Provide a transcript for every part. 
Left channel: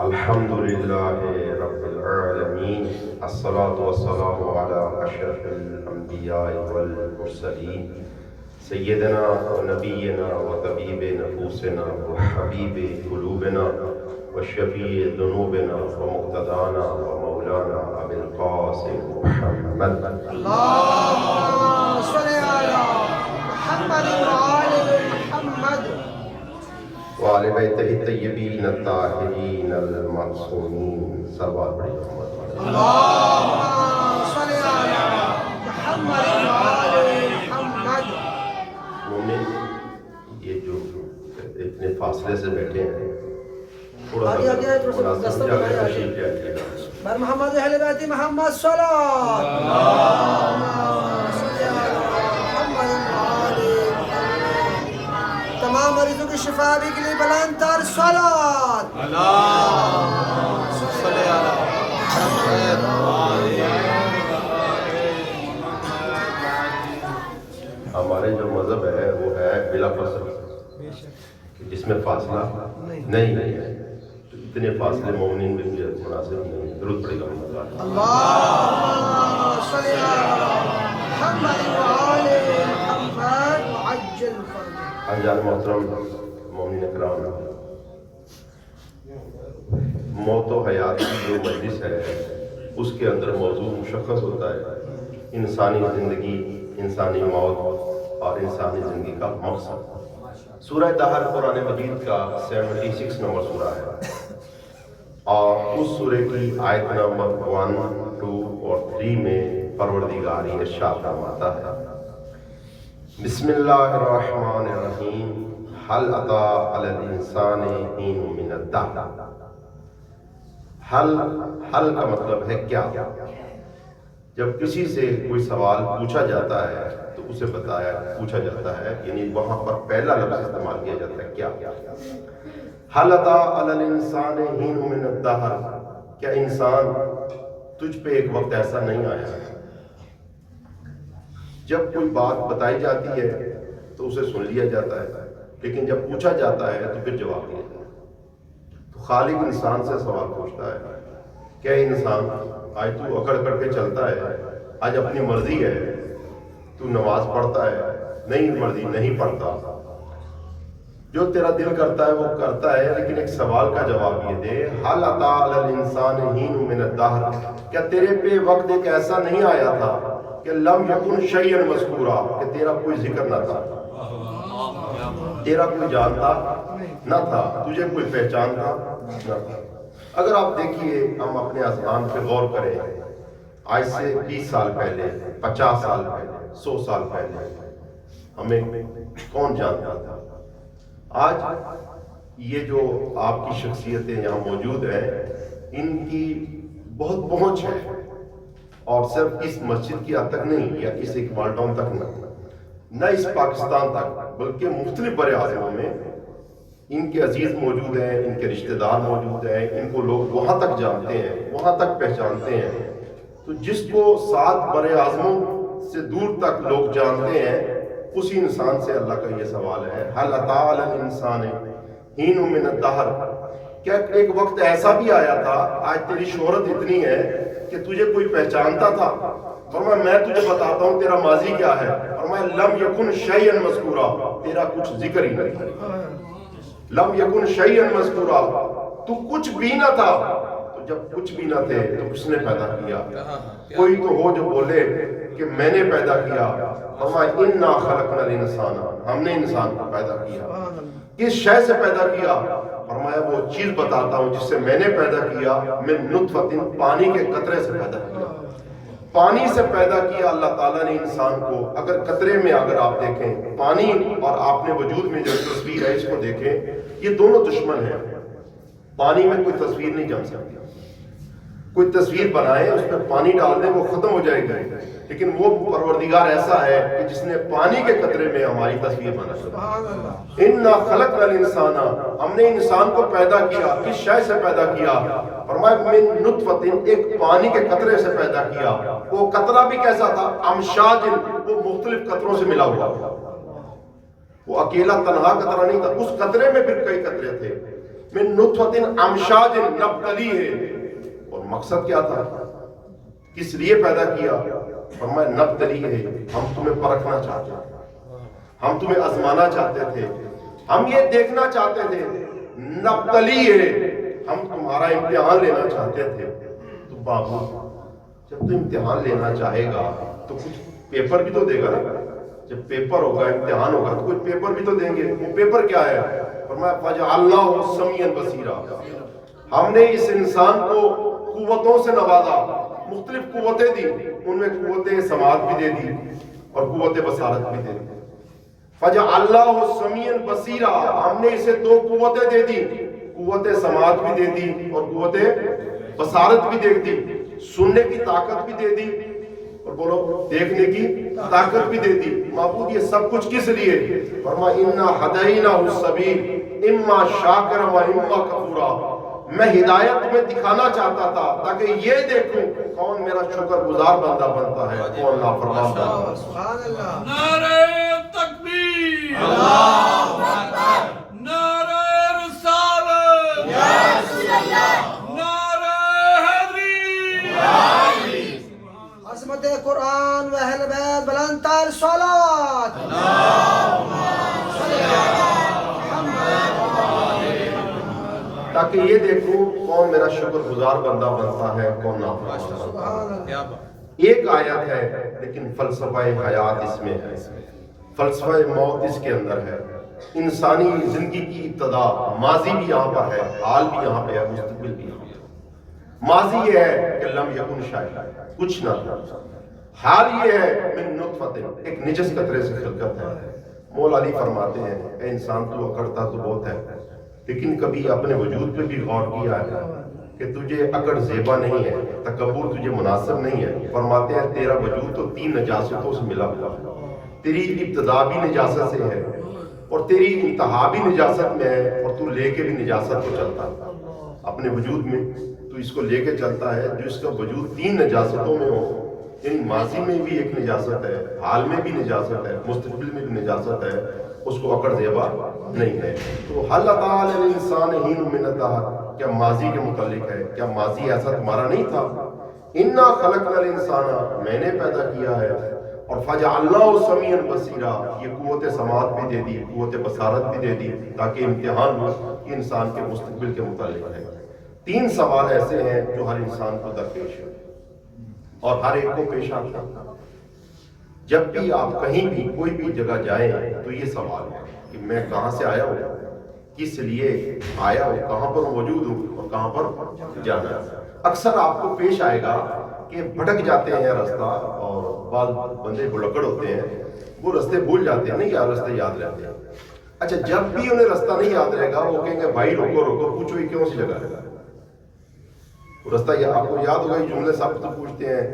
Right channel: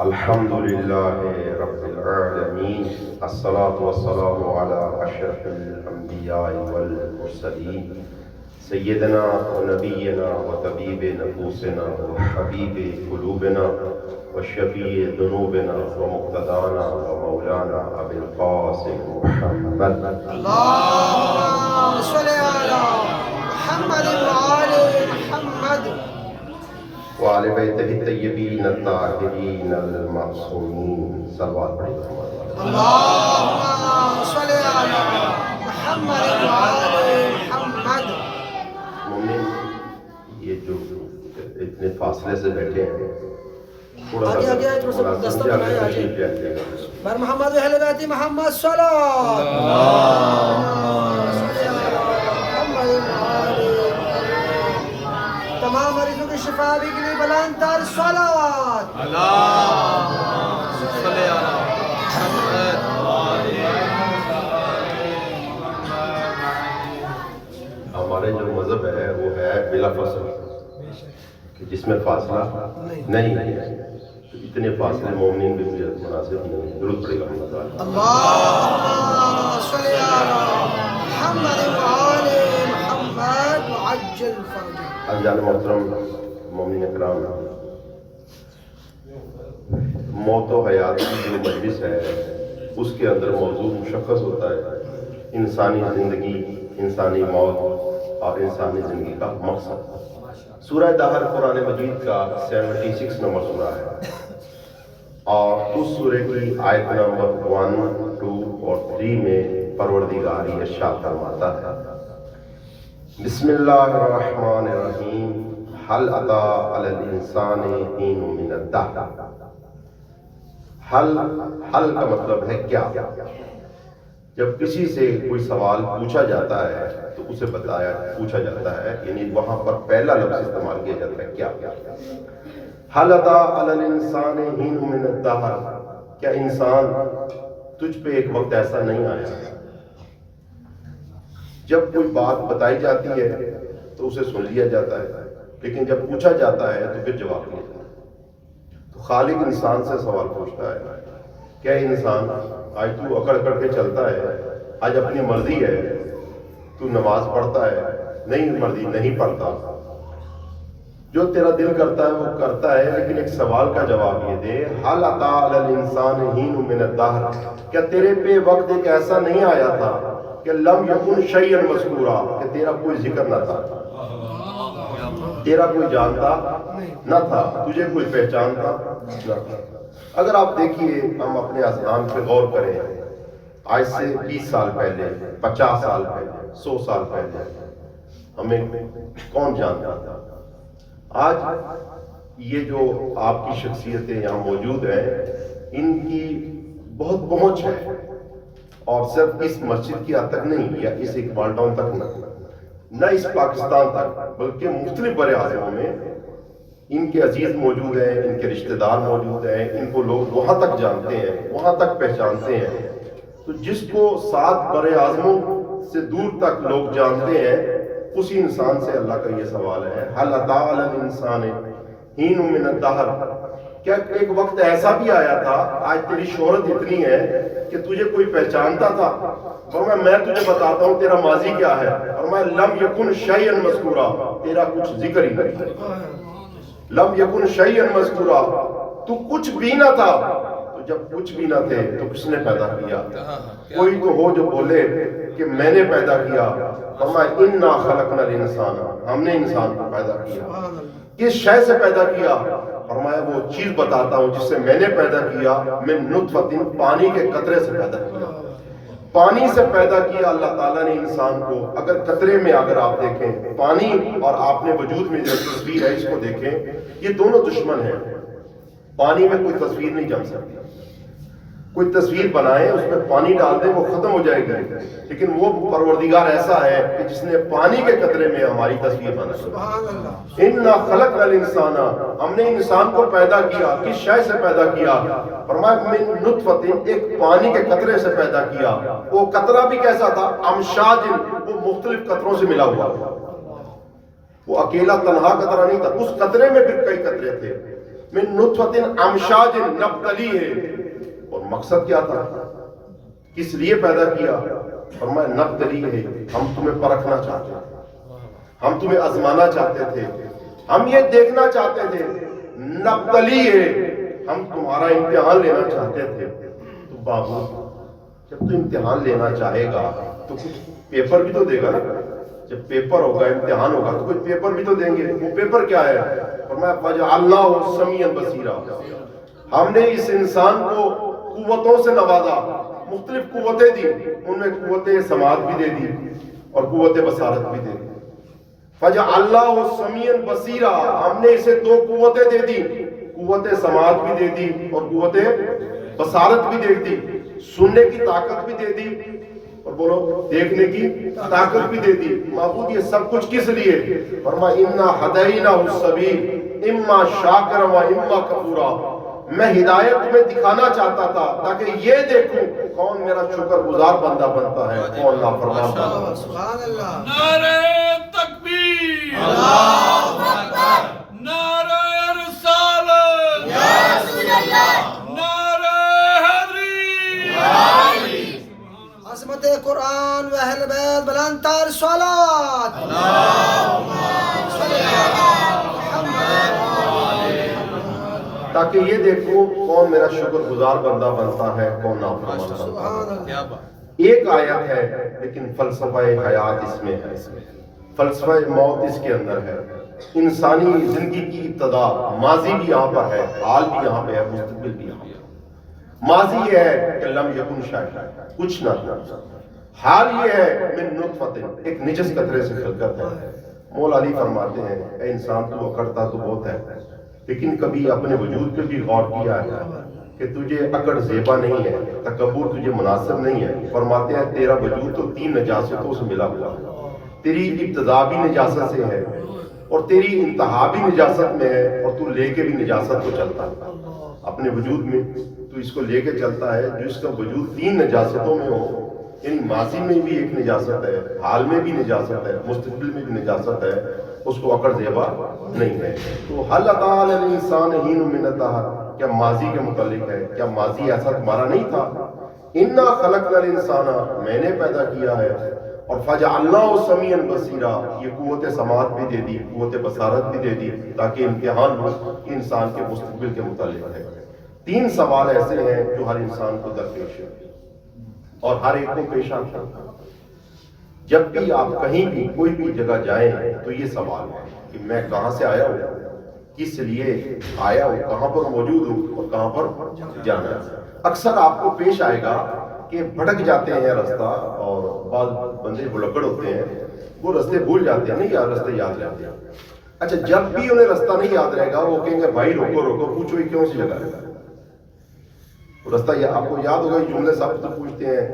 الحمدللہ رب العالمین، الصلاة والسلام علی اشرف الانبیاء والمرسلین، سیدنا و نبینا و طبیب نفوسنا و حبیب قلوبنا و شفیع ذنوبنا و مقتدانا و مولانا ابی القاسم محمد اللهم صل على محمد وآل محمد وآل بیتہ الطیبین الطاہرین المعصومین، صلوات پڑھی محمد۔ اللهم صل على محمد وآل محمد۔ مومن، یہ جو اتنے فاصلے سے بیٹھے ہیں، تھوڑا آگے تھوڑا سا دستر بنائے آگے۔ تشریف لے آئیے گا۔ بر محمد و اہل بیت محمد صلوات۔ اللهم صل على محمد وآل محمد۔ تمام مریضوں کی شفا بھی کے لیے بلند تر صلوات۔ اللهم صل على محمد ہمارے جو مذہب ہے وہ ہے بلا فاصلہ، کہ جس میں فاصلہ نہیں ہے۔ اتنے فاصلے مومنین بھی مجھے مناسب نہیں۔ درود پڑے گا اللهم صل على محمد وآل محمد وعجل فرجه۔ حاجان محترم مومنین اکرام، موت و حیات کی جو مجلس ہے اس کے اندر موضوع مشخص ہوتا ہے: انسانی زندگی، انسانی موت اور انسانی زندگی کا مقصد۔ سورہ دہر قرآن مجید کا 76 نمبر سورہ ہے، اور اس سورہ کی آیت نمبر 1، 2 اور 3 میں پروردگار ارشاد فرماتا ہے: بسم اللہ الرحمن الرحیم، هل اتی علی الانسان حین من الدہر۔ حل کا مطلب ہے کیا۔ جب کسی سے کوئی سوال پوچھا جاتا ہے تو اسے پوچھا جاتا ہے، یعنی وہاں پر پہلا لفظ استعمال کیا جاتا ہے کیا۔ هل اتی علی الانسان حین من الدہر، کیا انسان تجھ پہ ایک وقت ایسا نہیں آیا۔ جب کوئی بات بتائی جاتی ہے تو اسے سن لیا جاتا ہے، لیکن جب پوچھا جاتا ہے تو پھر جواب دیا جاتا ہے۔ تو خالق انسان سے سوال پوچھتا ہے، کیا انسان آج تو اکڑ اکڑ کے چلتا ہے، آج اپنی مرضی ہے، تو نماز پڑھتا ہے، نہیں مرضی نہیں پڑھتا، جو تیرا دل کرتا ہے وہ کرتا ہے، لیکن ایک سوال کا جواب یہ دے: هل اتی علی الانسان حین من الدہر، کیا تیرے پہ وقت ایک ایسا نہیں آیا تھا کہ لم یکن شیئا مذکورا، کہ تیرا کوئی ذکر نہ تھا، تیرا کوئی جانتا نہ تھا، تجھے کوئی پہچانتا نہ تھا۔ اگر آپ دیکھیے، ہم اپنے اذہان پہ غور کریں، آج سے 20 سال پہلے، 50 سال پہلے، 100 سال پہلے ہمیں کون جانتا تھا؟ آج یہ جو آپ کی شخصیتیں یہاں موجود ہیں، ان کی بہت پہنچ ہے، اور صرف اس مسجد کی حد تک نہیں، یا اس اقبال ٹاؤن تک نہ اس پاکستان تک، بلکہ مختلف بر اعظموں میں ان کے عزیز موجود ہیں، ان کے رشتہ دار موجود ہیں، ان کو لوگ وہاں تک جانتے ہیں، وہاں تک پہچانتے ہیں۔ تو جس کو 7 بر اعظموں سے دور تک لوگ جانتے ہیں، اسی انسان سے اللہ کا یہ سوال ہے: هل اتی علی الانسان حین من الدہر، کیا ایک وقت ایسا بھی آیا تھا، آج تیری شہرت اتنی ہے کہ تجھے کوئی پہچانتا تھا؟ فرمایا میں تجھے بتاتا ہوں تیرا ماضی کیا ہے۔ فرمایا لم یکن شیئا مذکورا، تیرا کچھ ذکر ہی نہیں۔ لم یکن شیئا مذکورا، تو کچھ بھی نہ تھا۔ تو جب کچھ بھی نہ تھے تو کس نے پیدا کیا؟ کوئی تو ہو جو بولے کہ میں نے پیدا کیا۔ فرمایا انا خلقنا الانسان، ہم نے انسان کو پیدا کیا۔ کس شے سے پیدا کیا؟ فرمایا وہ چیز بتاتا ہوں جس سے میں نے پیدا کیا، من نطفۃ، پانی کے قطرے سے پیدا کیا۔ پانی سے پیدا کیا اللہ تعالیٰ نے انسان کو۔ اگر قطرے میں اگر آپ دیکھیں، پانی اور آپ نے وجود میں جو تصویر ہے اس کو دیکھیں، یہ دونوں دشمن ہیں۔ پانی میں کوئی تصویر نہیں جم سکتی، کوئی تصویر بنائے اس میں پانی ڈال دیں وہ ختم ہو جائے گی، لیکن وہ پروردگار ایسا ہے کہ جس نے پانی کے قطرے میں ہماری تصویر بنائی۔ انا خلقنا الانسان، ہم نے انسان کو پیدا کیا، کس شے سے پیدا کیا؟ فرمایا من نطفۃ، ایک پانی کے قطرے سے پیدا کیا۔ وہ قطرہ بھی کیسا تھا؟ امشاج، وہ مختلف قطروں سے ملا ہوا تھا، وہ اکیلا تنہا قطرہ نہیں تھا، اس قطرے میں پھر کئی قطرے تھے۔ من نطفۃ امشاج نبتلی ہے، اور مقصد کیا تھا، کس لیے پیدا کیا؟ فرمایا نبتلی ہے، ہم تمہیں پرکھنا چاہتے تھے، ہم تمہیں آزمانا چاہتے تھے، ہم یہ دیکھنا چاہتے تھے، نبتلی ہے، ہم تمہارا امتحان لینا چاہتے تھے۔ تو بابو جب تو امتحان لینا چاہے گا تو کچھ پیپر بھی تو دے گا نا، جب پیپر ہوگا، امتحان ہوگا تو کچھ پیپر بھی تو دیں گے۔ وہ پیپر کیا ہے؟ فرمایا فَجَعَلْنَاهُ سَمِيعًا بَصِيرًا، ہم نے اس انسان کو قوتوں سے نوازا، مختلف قوتیں دی، ان میں قوت سماعت بھی دے دی اور قوت بصارت بھی دے دی۔ فَجَعَلْنَاهُ سَمِيعًا بَصِيرًا، ہم نے اسے دو قوتیں دے دی، قوت سماعت بھی دے دی اور قوت بصارت بھی دے دی، سننے کی طاقت بھی دے دی اور بولو دیکھنے کی طاقت بھی دے دی۔ معبود یہ سب کچھ کس لیے؟ فرمایا اِنَّا هَدَيْنَاهُ السَّبِيلَ إِمَّا شَاكِرًا وَإِمَّا كَفُورًا، میں ہدایت تمہیں دکھانا چاہتا تھا تاکہ یہ دیکھوں کون میرا شکر گزار بندہ بنتا ہے، کون نافرمان بنتا ہے۔ سبحان اللہ، نعرہ تکبیر، اللہ اکبر، نعرہ رسالت، نعرہ حیدری، عظمت قرآن و اہل بیت، بلند تر صلوات، تاکہ یہ دیکھوں کون میرا شکر گزار بندہ بنتا ہے، کون نافرمان بنتا ہے۔ سبحان اللہ۔ کیا بات، ایک آیت ہے لیکن فلسفہ حیات اس میں ہے، فلسفہ موت اس کے اندر ہے۔ انسانی زندگی کی ابتدا، ماضی بھی یہاں پر ہے، حال بھی یہاں پہ ہے، مستقبل بھی یہاں پہ ہے۔ ماضی یہ ہے کہ لم یکن شیء، کچھ نہ تھا۔ حال یہ ہے من نطفۃ، ایک نجس قطرے سے خلقت ہے۔ مولا علی فرماتے ہیں اے انسان تو اکڑتا تو بہت ہے، لیکن کبھی اپنے وجود پہ بھی غور کیا ہے کہ تجھے اکڑ زیبا نہیں ہے، تکبر تجھے مناسب نہیں ہے۔ فرماتے ہیں تیرا وجود تو 3 نجاستوں سے ملا ہوا ہے، تیری ابتدا بھی نجاست سے ہے اور تیری انتہا بھی نجاست میں ہے، اور تو لے کے بھی نجاست کو چلتا ہے اپنے وجود میں، تو اس کو لے کے چلتا ہے جس کا وجود 3 نجاستوں میں ہو۔ یعنی ماضی میں بھی ایک نجاست ہے، حال میں بھی نجاست ہے، مستقبل میں بھی نجاست ہے، اس کو اکڑ زیبا نہیں ہے۔ تو حل تعالی الانسان حین من الدہر، کیا ماضی کے متعلق ہے، کیا ماضی ایسا تمہارا نہیں تھا؟ انا خلقنا الانسان، میں نے پیدا کیا ہے، اور فجعلناہ سمیعا بصیرا، یہ قوت سماعت بھی دے دی، قوت بصارت بھی دے دی تاکہ امتحان ہو انسان کے مستقبل کے متعلق ہے۔ 3 سوال ایسے ہیں جو ہر انسان کو درپیش ہے اور ہر ایک کو پیش آتے ہیں۔ جب بھی آپ کہیں بھی کوئی بھی جگہ جائیں تو یہ سوال ہے کہ میں کہاں سے آیا ہوں، کس لیے آیا ہوں، کہاں پر موجود ہوں اور کہاں پر جانا ہے۔ اکثر آپ کو پیش آئے گا کہ بھٹک جاتے ہیں رستہ، اور بعض بندے بلکڑ ہوتے ہیں، وہ رستے بھول جاتے ہیں، نہیں یار رستے یاد رہتے ہیں۔ اچھا جب بھی انہیں رستہ نہیں یاد رہے گا وہ کہیں گے بھائی روکو روکو، پوچھو یہ کون سی جگہ ہے رستہ، آپ کو یاد ہوگا یہ جملے سب سے پوچھتے ہیں،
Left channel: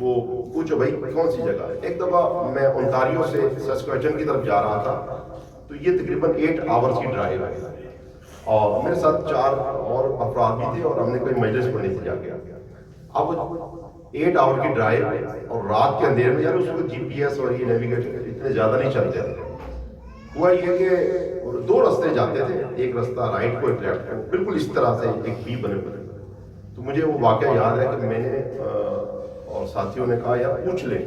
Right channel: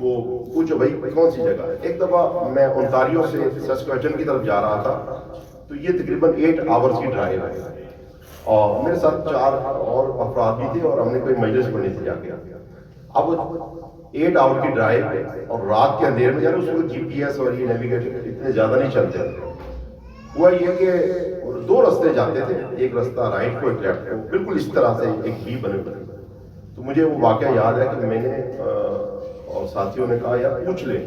وہ پوچھو بھائی کون سی جگہ ہے۔ ایک دفعہ میں اونٹاریو سے سسکویچن کی طرف جا رہا تھا، تو یہ تقریباً 8 آورز کی ڈرائیو ہے، اور میرے ساتھ 4 اور افراد بھی تھے، اور ہم نے کوئی مجلس پڑھنی تھی جا کے۔ اب 8 آور کی ڈرائیو اور رات کے اندھیرے میں، یار اس وقت GPS اور یہ نیویگیٹر اتنے زیادہ نہیں چلتے تھے۔ ہوا یہ کہ 2 رستے جاتے تھے، ایک رستہ رائٹ کو ایک لیفٹ کو، بالکل اس طرح سے ایک بھی بنے ہوئے۔ تو مجھے وہ واقعہ یاد ہے کہ میں نے اور ساتھیوں نے کہا یار پوچھ لیں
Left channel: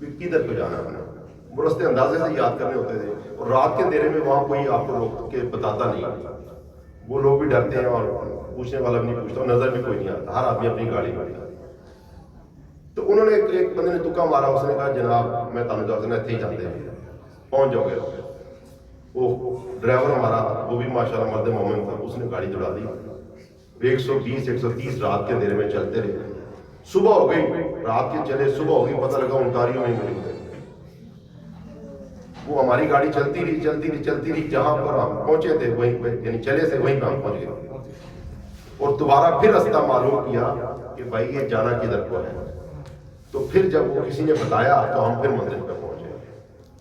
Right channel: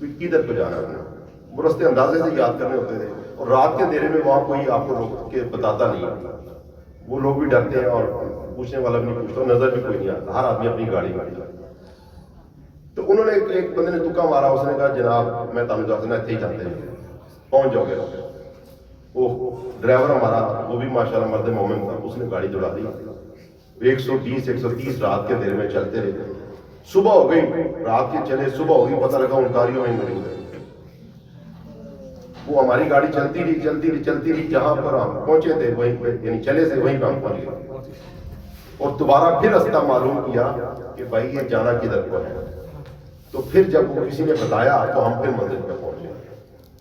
کہ کدھر کو جانا ہے۔ وہ رستے اندازے سے یاد کرنے ہوتے تھے، اور رات کے اندھیرے میں وہاں کوئی آپ کو روک کے بتاتا نہیں، وہ لوگ بھی ڈرتے ہیں اور پوچھنے والا بھی نہیں پوچھتا، نظر بھی کوئی نہیں آتا، ہر آدمی اپنی گاڑی میں آتا۔ تو انہوں نے ایک بندے نے تکا مارا، اس نے کہا جناب میں تانوں دسنا اتنے ہی جاتے ہیں، پہنچ جاؤ گے۔ وہ ڈرائیور ہمارا وہ بھی ماشاءاللہ مرد مومن تھا، اس نے گاڑی دوڑا دی، 120 130 رات کے اندھیرے میں چلتے رہے۔ صبح ہو گئی، رات کے چلے، صبح ہو گئی، پتہ لگا اونٹاریو میں مل گئے۔ وہ ہماری گاڑی چلتی رہی، جہاں پر ہم پہنچے تھے وہیں پہ، یعنی چلے تھے وہیں پہ ہم پہنچ گئے، اور دوبارہ پھر راستہ معلوم کیا کہ بھائی یہ جانا کدھر کو ہے۔ تو پھر جب وہ کسی نے بتایا تو ہم پھر منزل پہ پہنچے۔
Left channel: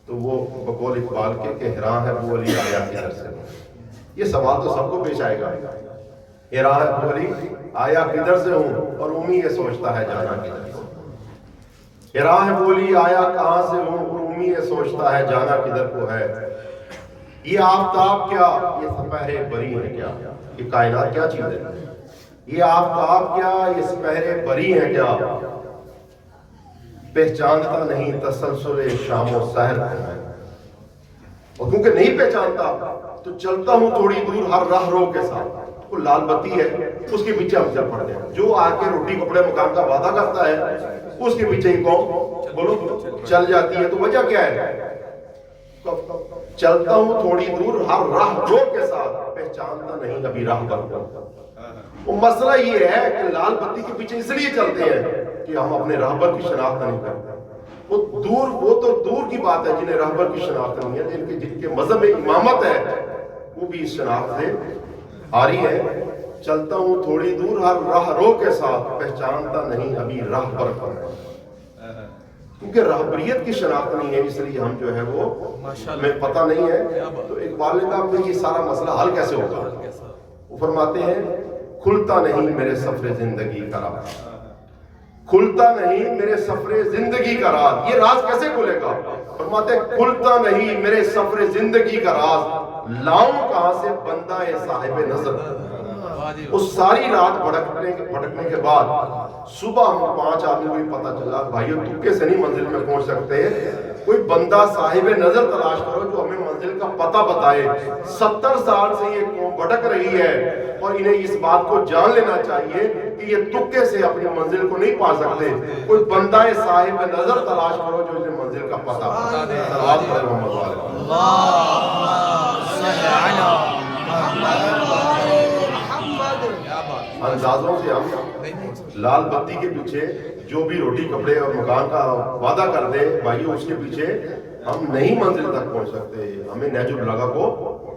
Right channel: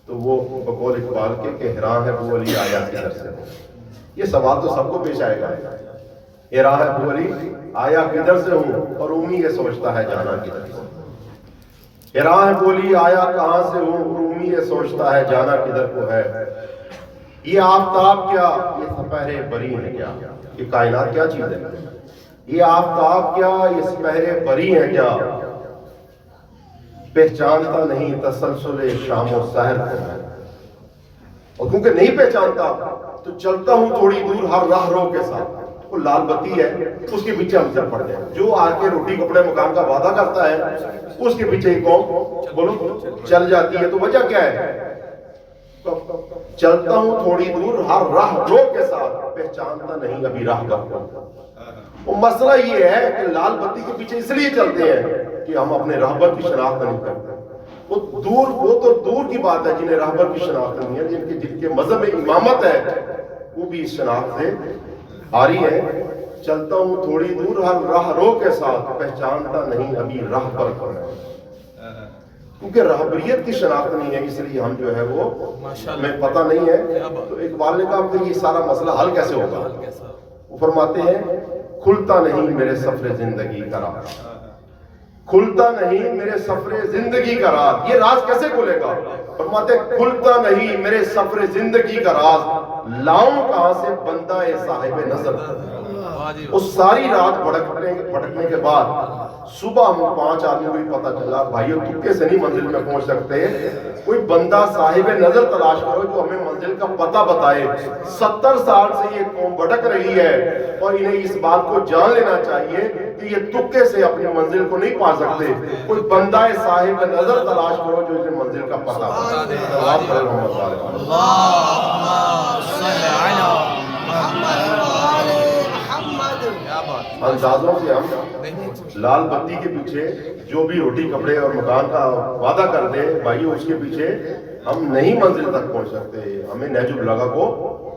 تو وہ بقول اقبال کے کہ ہراں ہے وہ علی آیا کدھر سے۔ یہ سوال تو سب کو پیش آئے گا، ہراں ہے وہ علی آیا کدھر سے ہوں، اور اومی یہ سوچتا ہے جانا کدھر کو۔ ہراں ہے وہ علی آیا کہاں سے ہوں، اور اومی یہ سوچتا ہے جانا کدھر کو ہے۔ یہ آفتاب کیا، یہ سپہرے بری ہے کیا، یہ کائنات کیا چیز ہے؟ یہ آفتاب کیا، یہ سپہرے بری ہیں کیا؟ پہچانتا نہیں تسلسل شام و سحر کو میں، اور کیونکہ نہیں پہچانتا تو چلتا ہوں تھوڑی دور ہر راہ رو کے ساتھ۔ وہ لال بتی ہے، اس کے پیچھے ہم چل پڑتے ہیں۔ جو آ کے روٹی کپڑے مکان کا وعدہ کرتا ہے اس کے پیچھے ہی قوم بولو چل جاتی ہے۔ تو وجہ کیا ہے؟ چلتا ہوں تھوڑی دور ہر راہ رو کے ساتھ، پہچانتا نہیں ابھی راہ پر کو۔ وہ مسئلہ یہ ہے کہ لال بتی کے پیچھے اس لیے چلتے ہیں کہ ہم اپنے راہبر کی شناخت نہیں کرتے۔ وہ تو دور کی بات ہے جنہیں راہبر کی شناخت نہیں ہے، جن کے مذہب میں امامت ہے وہ بھی اس شناخت سے آ رہی ہے۔ چلتا ہوں تھوڑی دور ہر راہ رو کے ساتھ، پہچانتا نہیں ابھی راہ پر کو۔ کیونکہ راہبریت کی شناخت نہیں ہے اس لیے ہم جو ہے وہ ہمیں پتہ نہیں ہے۔ تو اقبال نے کہا پھر یہ سارا مسئلہ حل کیسے ہوگا؟ وہ فرماتے ہیں کھلتا نہیں میرے سفر زندگی کا راز، کھلتا نہیں میرے سفر زندگی کا راز۔ یہ راز کیسے کھلے گا؟ فرماتے ہیں کھلتا نہیں میرے سفر زندگی کا راز، لاؤں کہاں سے بندہ صاحب نظر۔ اس ساری رات بھٹکنے کے بعد صبح ہم 5 آدمی کو بھی پتہ چلا بھائیو تکے سے نہیں منزل میں پہنچ سکتے، کوئی بندہ صاحب نظر تلاش کرو جو ہمیں منزل کا پتہ بتائے۔ 70 سال سے یہ قوم بھٹک رہی ہے اور انہیں اس بات کو جان لینا چاہیے کہ یہ تکے سے اپنی منزل کو نہیں پا سکتے۔ کوئی بندہ صاحب نظر تلاش کرو جو اسے منزل کا پتہ بتائے۔ اندازوں سے ہم لال بتی کے پیچھے جو بھی روٹی کپڑے اور مکان کا وعدہ کر دے بھائیو اس کے پیچھے ہم نہیں منزل تک پہنچ سکتے۔ ہمیں نہج البلاغہ کو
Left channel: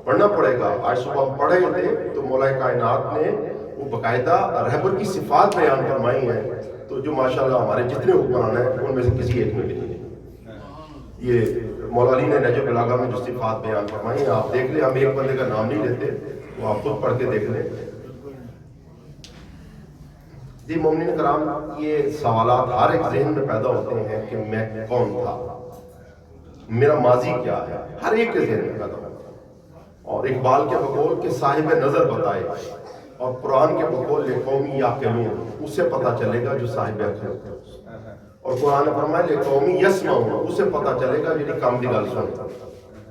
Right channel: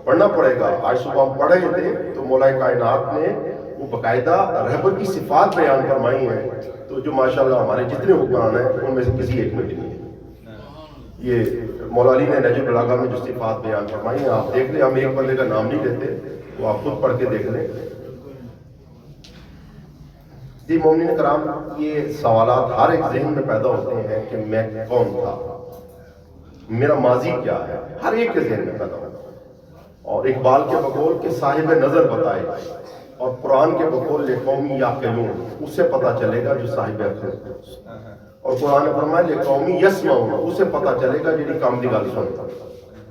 پڑھنا پڑے گا۔ آج صبح ہم پڑھ رہے تھے تو مولا کائنات نے وہ باقاعدہ رہبر کی صفات بیان فرمائی ہیں، تو جو ماشاءاللہ ہمارے جتنے حکمران ہیں ان میں سے کسی ایک میں بھی نہیں ہے۔ یہ مولا علی نے نہج البلاغہ میں جو صفات بیان فرمائی ہیں آپ دیکھ لیں، ہم ایک بندے کا نام نہیں لیتے، وہ آپ خود پڑھ کے دیکھ لیں۔ جی مومنین کرام، یہ سوالات ہر ایک ذہن میں پیدا ہوتے ہیں کہ میں کون تھا، میرا ماضی کیا ہے، ہر ایک کے ذہن میں پیدا ہوتا ہے۔ اور اقبال کے بقول کہ صاحب نظر بتائے، اور قرآن کے بقول لقومی یعقلون، اس سے پتہ چلے گا جو صاحب عقل ہے۔ اور قرآن نے فرمایا لقومی یسمعون، اسے پتہ چلے گا جی کام دی گل سن،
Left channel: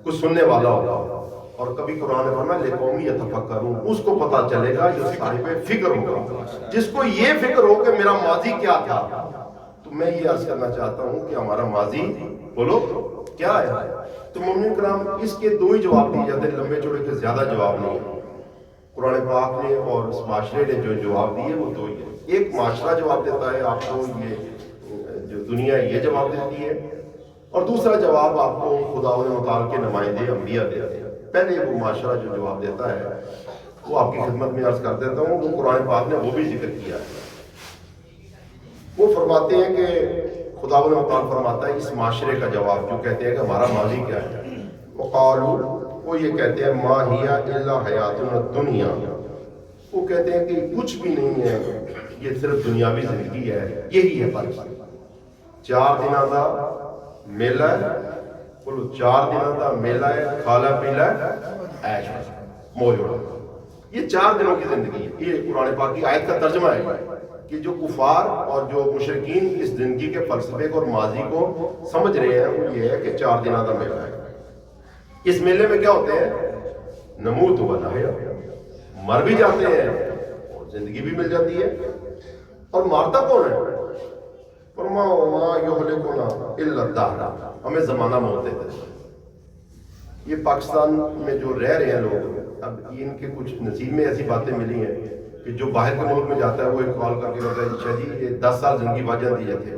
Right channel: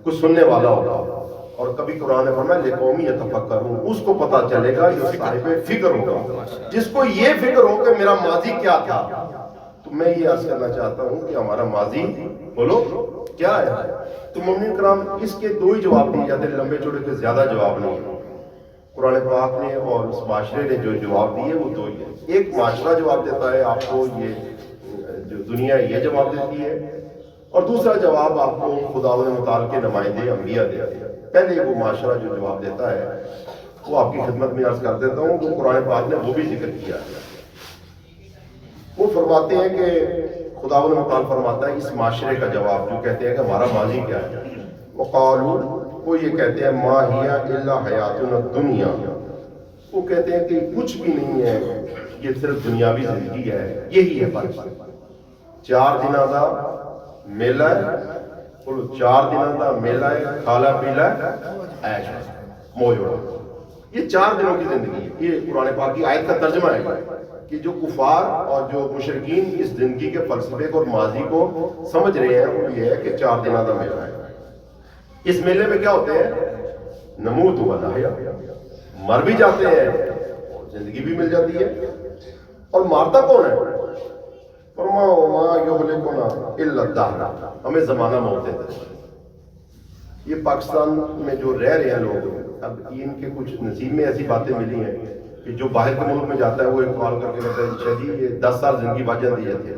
کچھ سننے والا ہوگا۔ اور کبھی قرآن نے فرمایا لقومی یتفکرون، اس کو پتہ چلے گا جو صاحب فکر ہوگا، جس کو یہ فکر ہو کہ میرا ماضی کیا تھا۔ تو میں یہ عرض کرنا چاہتا ہوں کہ ہمارا ماضی بولو کیا ہے؟ تو مومنین کرام اس کے 2 ہی جواب دیے جاتے ہیں، لمبے چوڑے کے زیادہ جواب نہیں۔ قرآن پاک نے اور اس معاشرے نے جو جواب دیے وہ 2 ہی ہیں۔ ایک معاشرہ جواب دیتا ہے آپ کو، یہ جو دنیا یہ جواب دیتی ہے، اور دوسرا جواب آپ کو خداوند متعال کے نمائندے انبیاء دیتے ہیں۔ پہلے وہ معاشرہ جو جواب دیتا ہے وہ آپ کی خدمت میں عرض کر دیتا ہوں، وہ قرآن پاک نے وہ بھی ذکر کیا ہے۔ وہ فرماتے ہیں کہ خداوند متعال فرماتا ہے اس معاشرے کا جواب جو کہتے ہیں کہ ہمارا ماضی کیا ہے، وقالوا، وہ یہ کہتے ہیں ما ہی الا حیاتنا الدنیا، وہ کہتے ہیں کہ کچھ بھی نہیں ہے، یہ صرف دنیاوی زندگی ہے، یہی ہے بس 4 دنوں کا میلہ ہے، بولو 4 دنوں کا میلہ ہے، کھالا پیلا عیش موج اڑا، یہ 4 دنوں کی زندگی ہے۔ یہ قرآن پاک کی آیت کا ترجمہ ہے کہ جو کفار اور جو مشرکین اس زندگی کے فلسفے کو اور ماضی کو سمجھ رہے ہیں وہ یہ ہے کہ 4 دنوں کا میلہ ہے۔ اس میلے میں کیا ہوتے ہیں؟ نموت و نحیا، مر بھی جاتے ہیں اور زندگی بھی مل جاتی ہے۔ اور مارتا کون ہے؟ فرمایا وما یہلکنا الا الدہر، ہمیں زمانہ موت دیتا ہے۔ یہ پاکستان میں جو رہ رہے ہیں لوگ، اب ان کے کچھ نصیب میں ایسی باتیں ملی ہیں کہ جو باہر کے ملک میں جاتا ہے وہ ایک کال کر کے کہتا ہے اچھا جی یہ 10 سال زندگی باجن دی جاتی ہے۔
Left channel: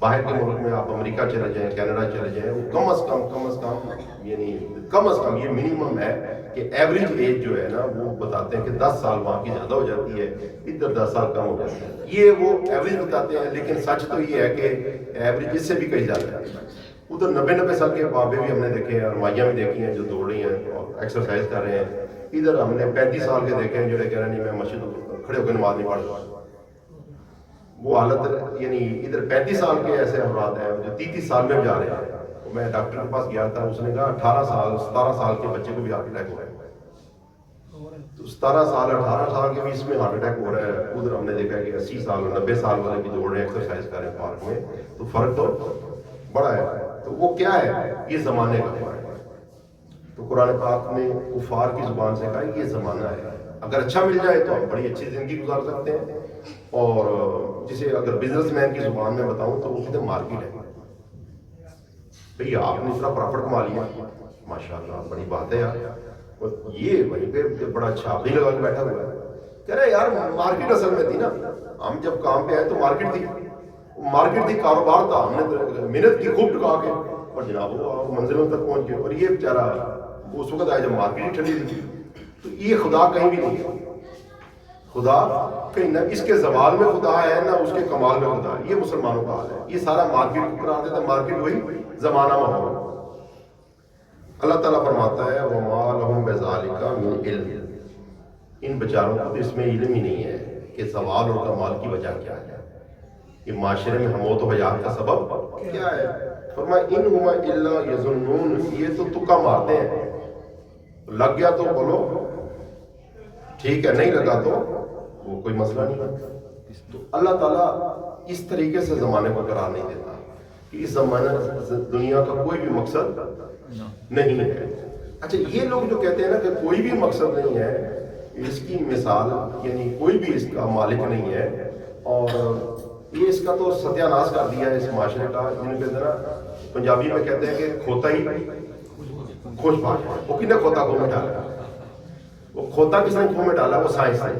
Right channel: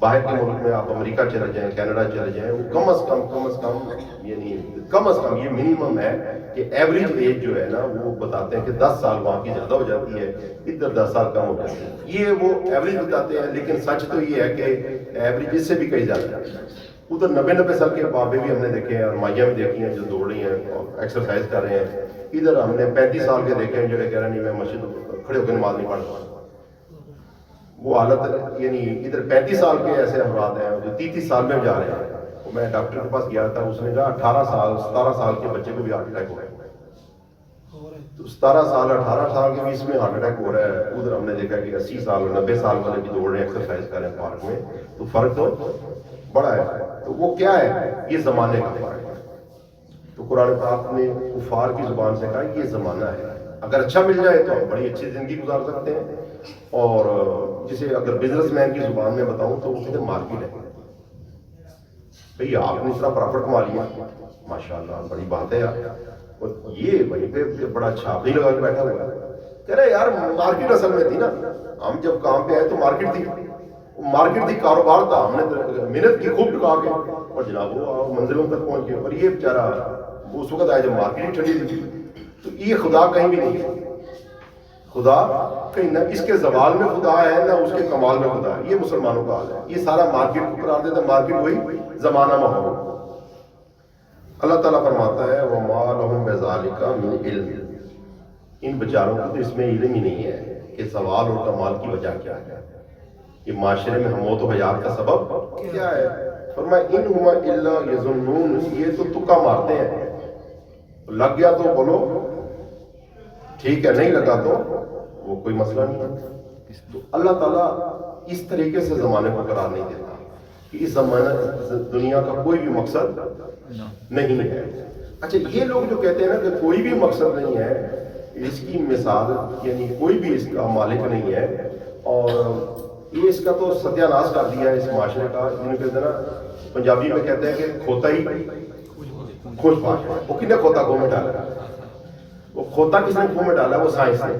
باہر کے ملک میں آپ امریکہ چلے جائیں، کینیڈا چلے جائیں، وہ کم از کم یعنی کم از کم یہ منیمم ہے کہ ایوریج ایج جو ہے نا وہ بتاتے ہیں کہ 10 سال وہاں کی زیادہ ہو جاتی ہے، ادھر 10 سال کم ہو جاتی ہے۔ یہ وہ ایوریج بتاتے ہیں، لیکن سچ تو یہ ہے کہ ایوریج اس سے بھی کہیں زیادہ ہے۔ ادھر 90 سال کے بابے بھی ہم نے دیکھے ہیں اور مائیاں بھی دیکھی ہیں جو دوڑ رہی ہیں اور ایکسرسائز کر رہے ہیں۔ ادھر ہم نے 35 سال کے دیکھے ہیں جو کہہ رہے ہیں نہیں میں مسجد کھڑے ہو کے نماز نہیں پڑھتا۔ وہ حالت یعنی ادھر 35 سال کے ایسے افراد ہیں جو 33 سال میں جا رہے ہیں۔ میں ڈاکٹر کے پاس گیا تھا، اس نے کہا 18 سال 17 سال کے بچے کو بھی ہارٹ اٹیک ہو رہا ہے۔ تو 17 سال 18 سال کے بھی اس میں ہارٹ اٹیک ہو رہا ہے، ادھر ہم نے دیکھا کہ 80 سال اور 90 سال والے بھی دوڑ رہے ہیں، ایکسرسائز کر رہے ہیں پارک میں، تو فرق تو بڑا ہے۔ تو وہ کیا ہے؟ یہ زمانے کا فرق ہے۔ تو قرآن پاک نے کفار کی زبان سے کہا یہ زمانہ ہے، اگر اچھا مل جائے تو ہم بڑی اچھی زندگی گزار سکتے ہیں، اور جسے اگر بزنس مین کی زبان میں بتاؤں تو وہ کہتے ہیں مارکیٹ ہے، بھئی آپ نے اتنا پرافٹ کما لیا، ماشاءاللہ بڑی بات ہے یار، اور یہ وہیں پہ بڑا چھاپ ہی لگا کے بیٹھا ہوا ہے، کہہ رہے یار مارکیٹ اصل میں تھی نا، ہم جب کام پہ آئے تو مارکیٹ تھی، کاروبار تھا، ہم نے محنت کی خوب ٹکا کے، اور جناب وہ منزلوں تک پہنچ گئے، اور یہ بیچارہ اس وقت آیا جب مارکیٹ ٹھنڈی تھی۔ تو یہ خدا کہیں بھی نہیں ہے، خدا کہیں نہ اس کے زوال میں خدا ہے نہ اس کے کمال میں خدا ہے، یہ مسلمانوں کا حال ہے، یہ سارا مارکیٹ کو قرار دیتا ہے، مارکیٹ وہی زمانہ ماحول۔ اللہ تعالیٰ فرماتا ہے وَمَا لَهُمْ بِذَلِكَ مِنْ عِلْمٍ، ان بیچاروں کو تو اس میں علم ہی نہیں ہے کہ زوال اور کمال کی وجہ کیا ہے، یہ معاشرے میں موت و حیات کا سبب کیا ہے۔ فرمایا اِنْ هُمَ إِلَّا يَظُنُّونَ، یہ تو تکا مارتے ہیں، لگ گیا تو بولو ٹھیک ہے، نہیں لگا تو وہ کوئی مسئلہ نہیں ہے۔ تو اللہ تعالیٰ اس طریقے سے زمانے کو قرار نہیں دیتا کہ اس زمانہ دنیا کا کوئی بھی مقصد نہیں ہے۔ اچھا یہ لوگ جو کہتے ہیں نا کہ کوئی بھی مقصد نہیں ہے، اس کی مثال یعنی کوئی بھی اس کا مالک نہیں ہے، اور یہ اس کا تو ستیہ ناش کر دیا ہے اس معاشرے کا، جنہوں کہتے ہیں نا پنجابی میں کہتے ہیں کہ کھوتا ہی خوش باش ہے۔ وہ کن نے کھوتا گھو میں ڈالا؟ وہ کھوتا کس نے گھو میں ڈالا؟ وہ سائنس نے۔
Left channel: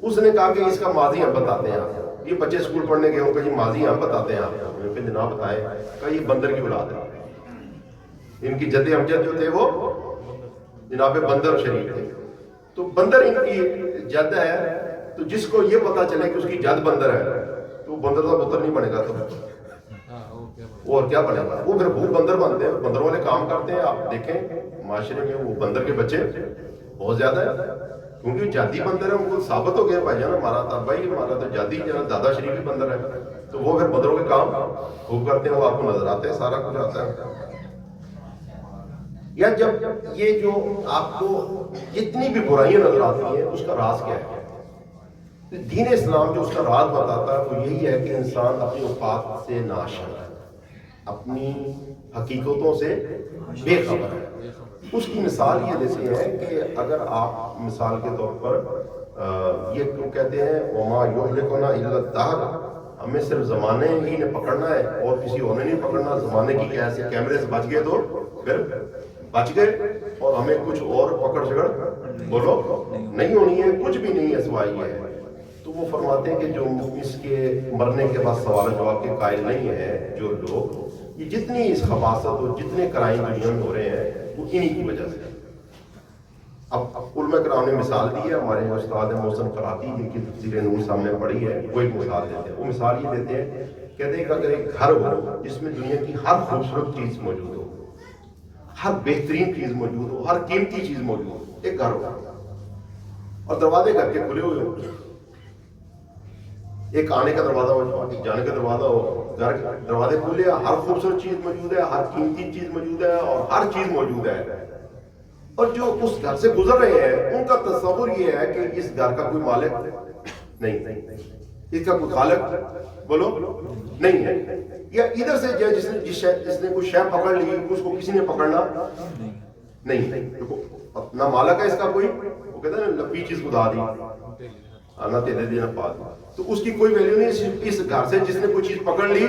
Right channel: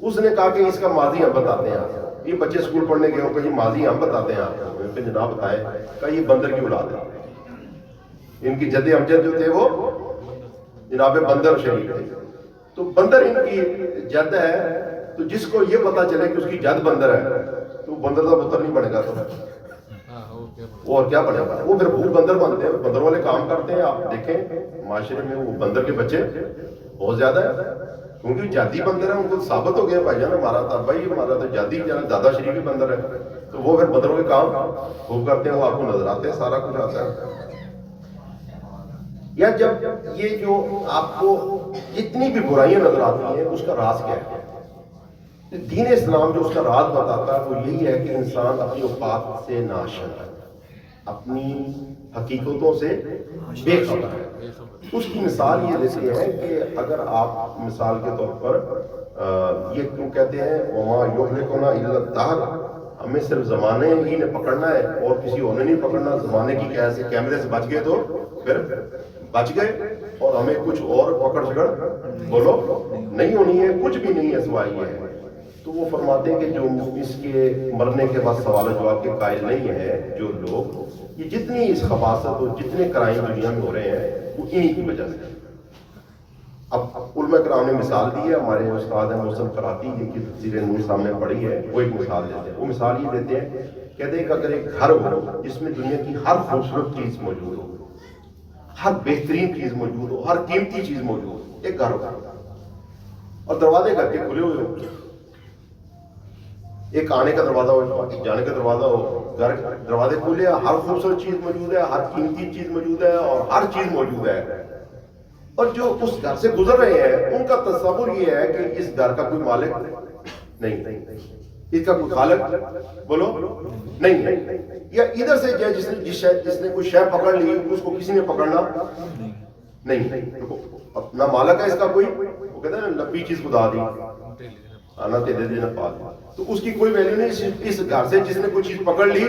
اس نے کہا کہ اس کا ماضی ہم بتاتے ہیں آپ، یہ بچے اسکول پڑھنے گئے ہوں کہ جی ماضی ہم بتاتے ہیں آپ کو، جناب بتائے، کہا یہ بندر کی اولاد ہے، ان کی جد امجد جو تھے وہ جناب بندر شریف تھے، تو بندر ان کی جد ہے، تو جس کو یہ پتا چلے کہ اس کی جد بندر ہے تو بندر کا پتر نہیں بنے گا، تو وہ اور کیا بنے گا؟ وہ پھر بھوک بندر بنتے ہیں، بندر والے کام کرتے ہیں۔ آپ دیکھیں معاشرے میں وہ بندر کے بچے بہت زیادہ ہیں، کیونکہ جادی بندر ہے، ان کو ثابت ہو گیا بھائی جان ہمارا تھا، بھائی ہمارا تو جادی جانا زیادہ شریفی بندر ہے، تو وہ پھر بندروں کے کام خوب کرتے ہیں، وہ آپ کو نظر آتے ہیں، سارا کچھ آتا ہے۔ یا جب یہ جو آپ کو جتنی بھی برائیاں نظر آتی ہیں اس کا راز کیا ہے؟ دین اسلام جو اس کا راز بتاتا ہے وہ یہی ہے کہ انسان اپنی اوقات سے ناشنا ہے، اپنی حقیقتوں سے بے خبر ہے۔ اس کی مثال یہ دیتے ہیں کہ اگر آپ مثال کے طور پر یہ کیوں کہتے ہیں وَمَا يُهْلِكُنَا إِلَّا الدَّهْرُ، ہمیں صرف زمانے ہی نے پکڑنا ہے اور کسی اور نے نہیں پکڑنا، زمانے کی کیسے کیمرے سے بچ گئے تو پھر بچ گئے، اور ہمیں کچھ اور پکڑ جگڑ بولو نہیں ہونی ہے، کچھ بھی نہیں ہے سوائے یہ ہے۔ تو وہ فرماتے ہیں کہ جو اس کے مرنے کے بعد سوال و جواب کے قائل نہیں ہیں جو لوگ، یہ جتنی اس خباثت اور جتنے کرائم دنیا میں ہو رہے ہیں وہ انہی کی وجہ سے۔ اب علماء کرام نے مثال دی ہے، ہمارے استاد ہیں محسن قراتی جن کی تفسیر نور سامنے پڑھی ہے، وہ ایک مثال دیتے ہیں۔ وہ مثال یہ دیتے ہیں، کہتے ہیں کہ اگر ایک گھر ہو جس میں دنیا کی ہر خوبصورت چیز موجود ہو، ہر بہترین چیز موجود ہو، ہر قیمتی چیز موجود ہو، ایک گھر ہو اور دروازے گھر کے کھلے ہوئے ہو، ایک آنے کا دروازہ ہو، جانے کا دروازہ ہو، گھر دروازے کھلے، ہر خوبصورت چیز موجود ہے، ہر قیمتی چیز موجود ہے اور ہر چیز موجود ہے، اور جو اس گھر سے گزر رہے ہیں ان کا تصور یہ ہے کہ اس گھر کا کوئی مالک نہیں، اس کا کوئی خالق بولو نہیں ہے، یا ادھر سے جس نے کوئی شے پکڑ لی اس کو کسی نے پکڑنا نہیں، نہ مالک ہے اس کا کوئی، وہ کہتے ہیں نا لبی چیز خدا دی آنا تیرے دے نہ پا دی، تو اس کی کوئی ویلیو نہیں۔ اس گھر سے جس نے کوئی چیز پکڑ لی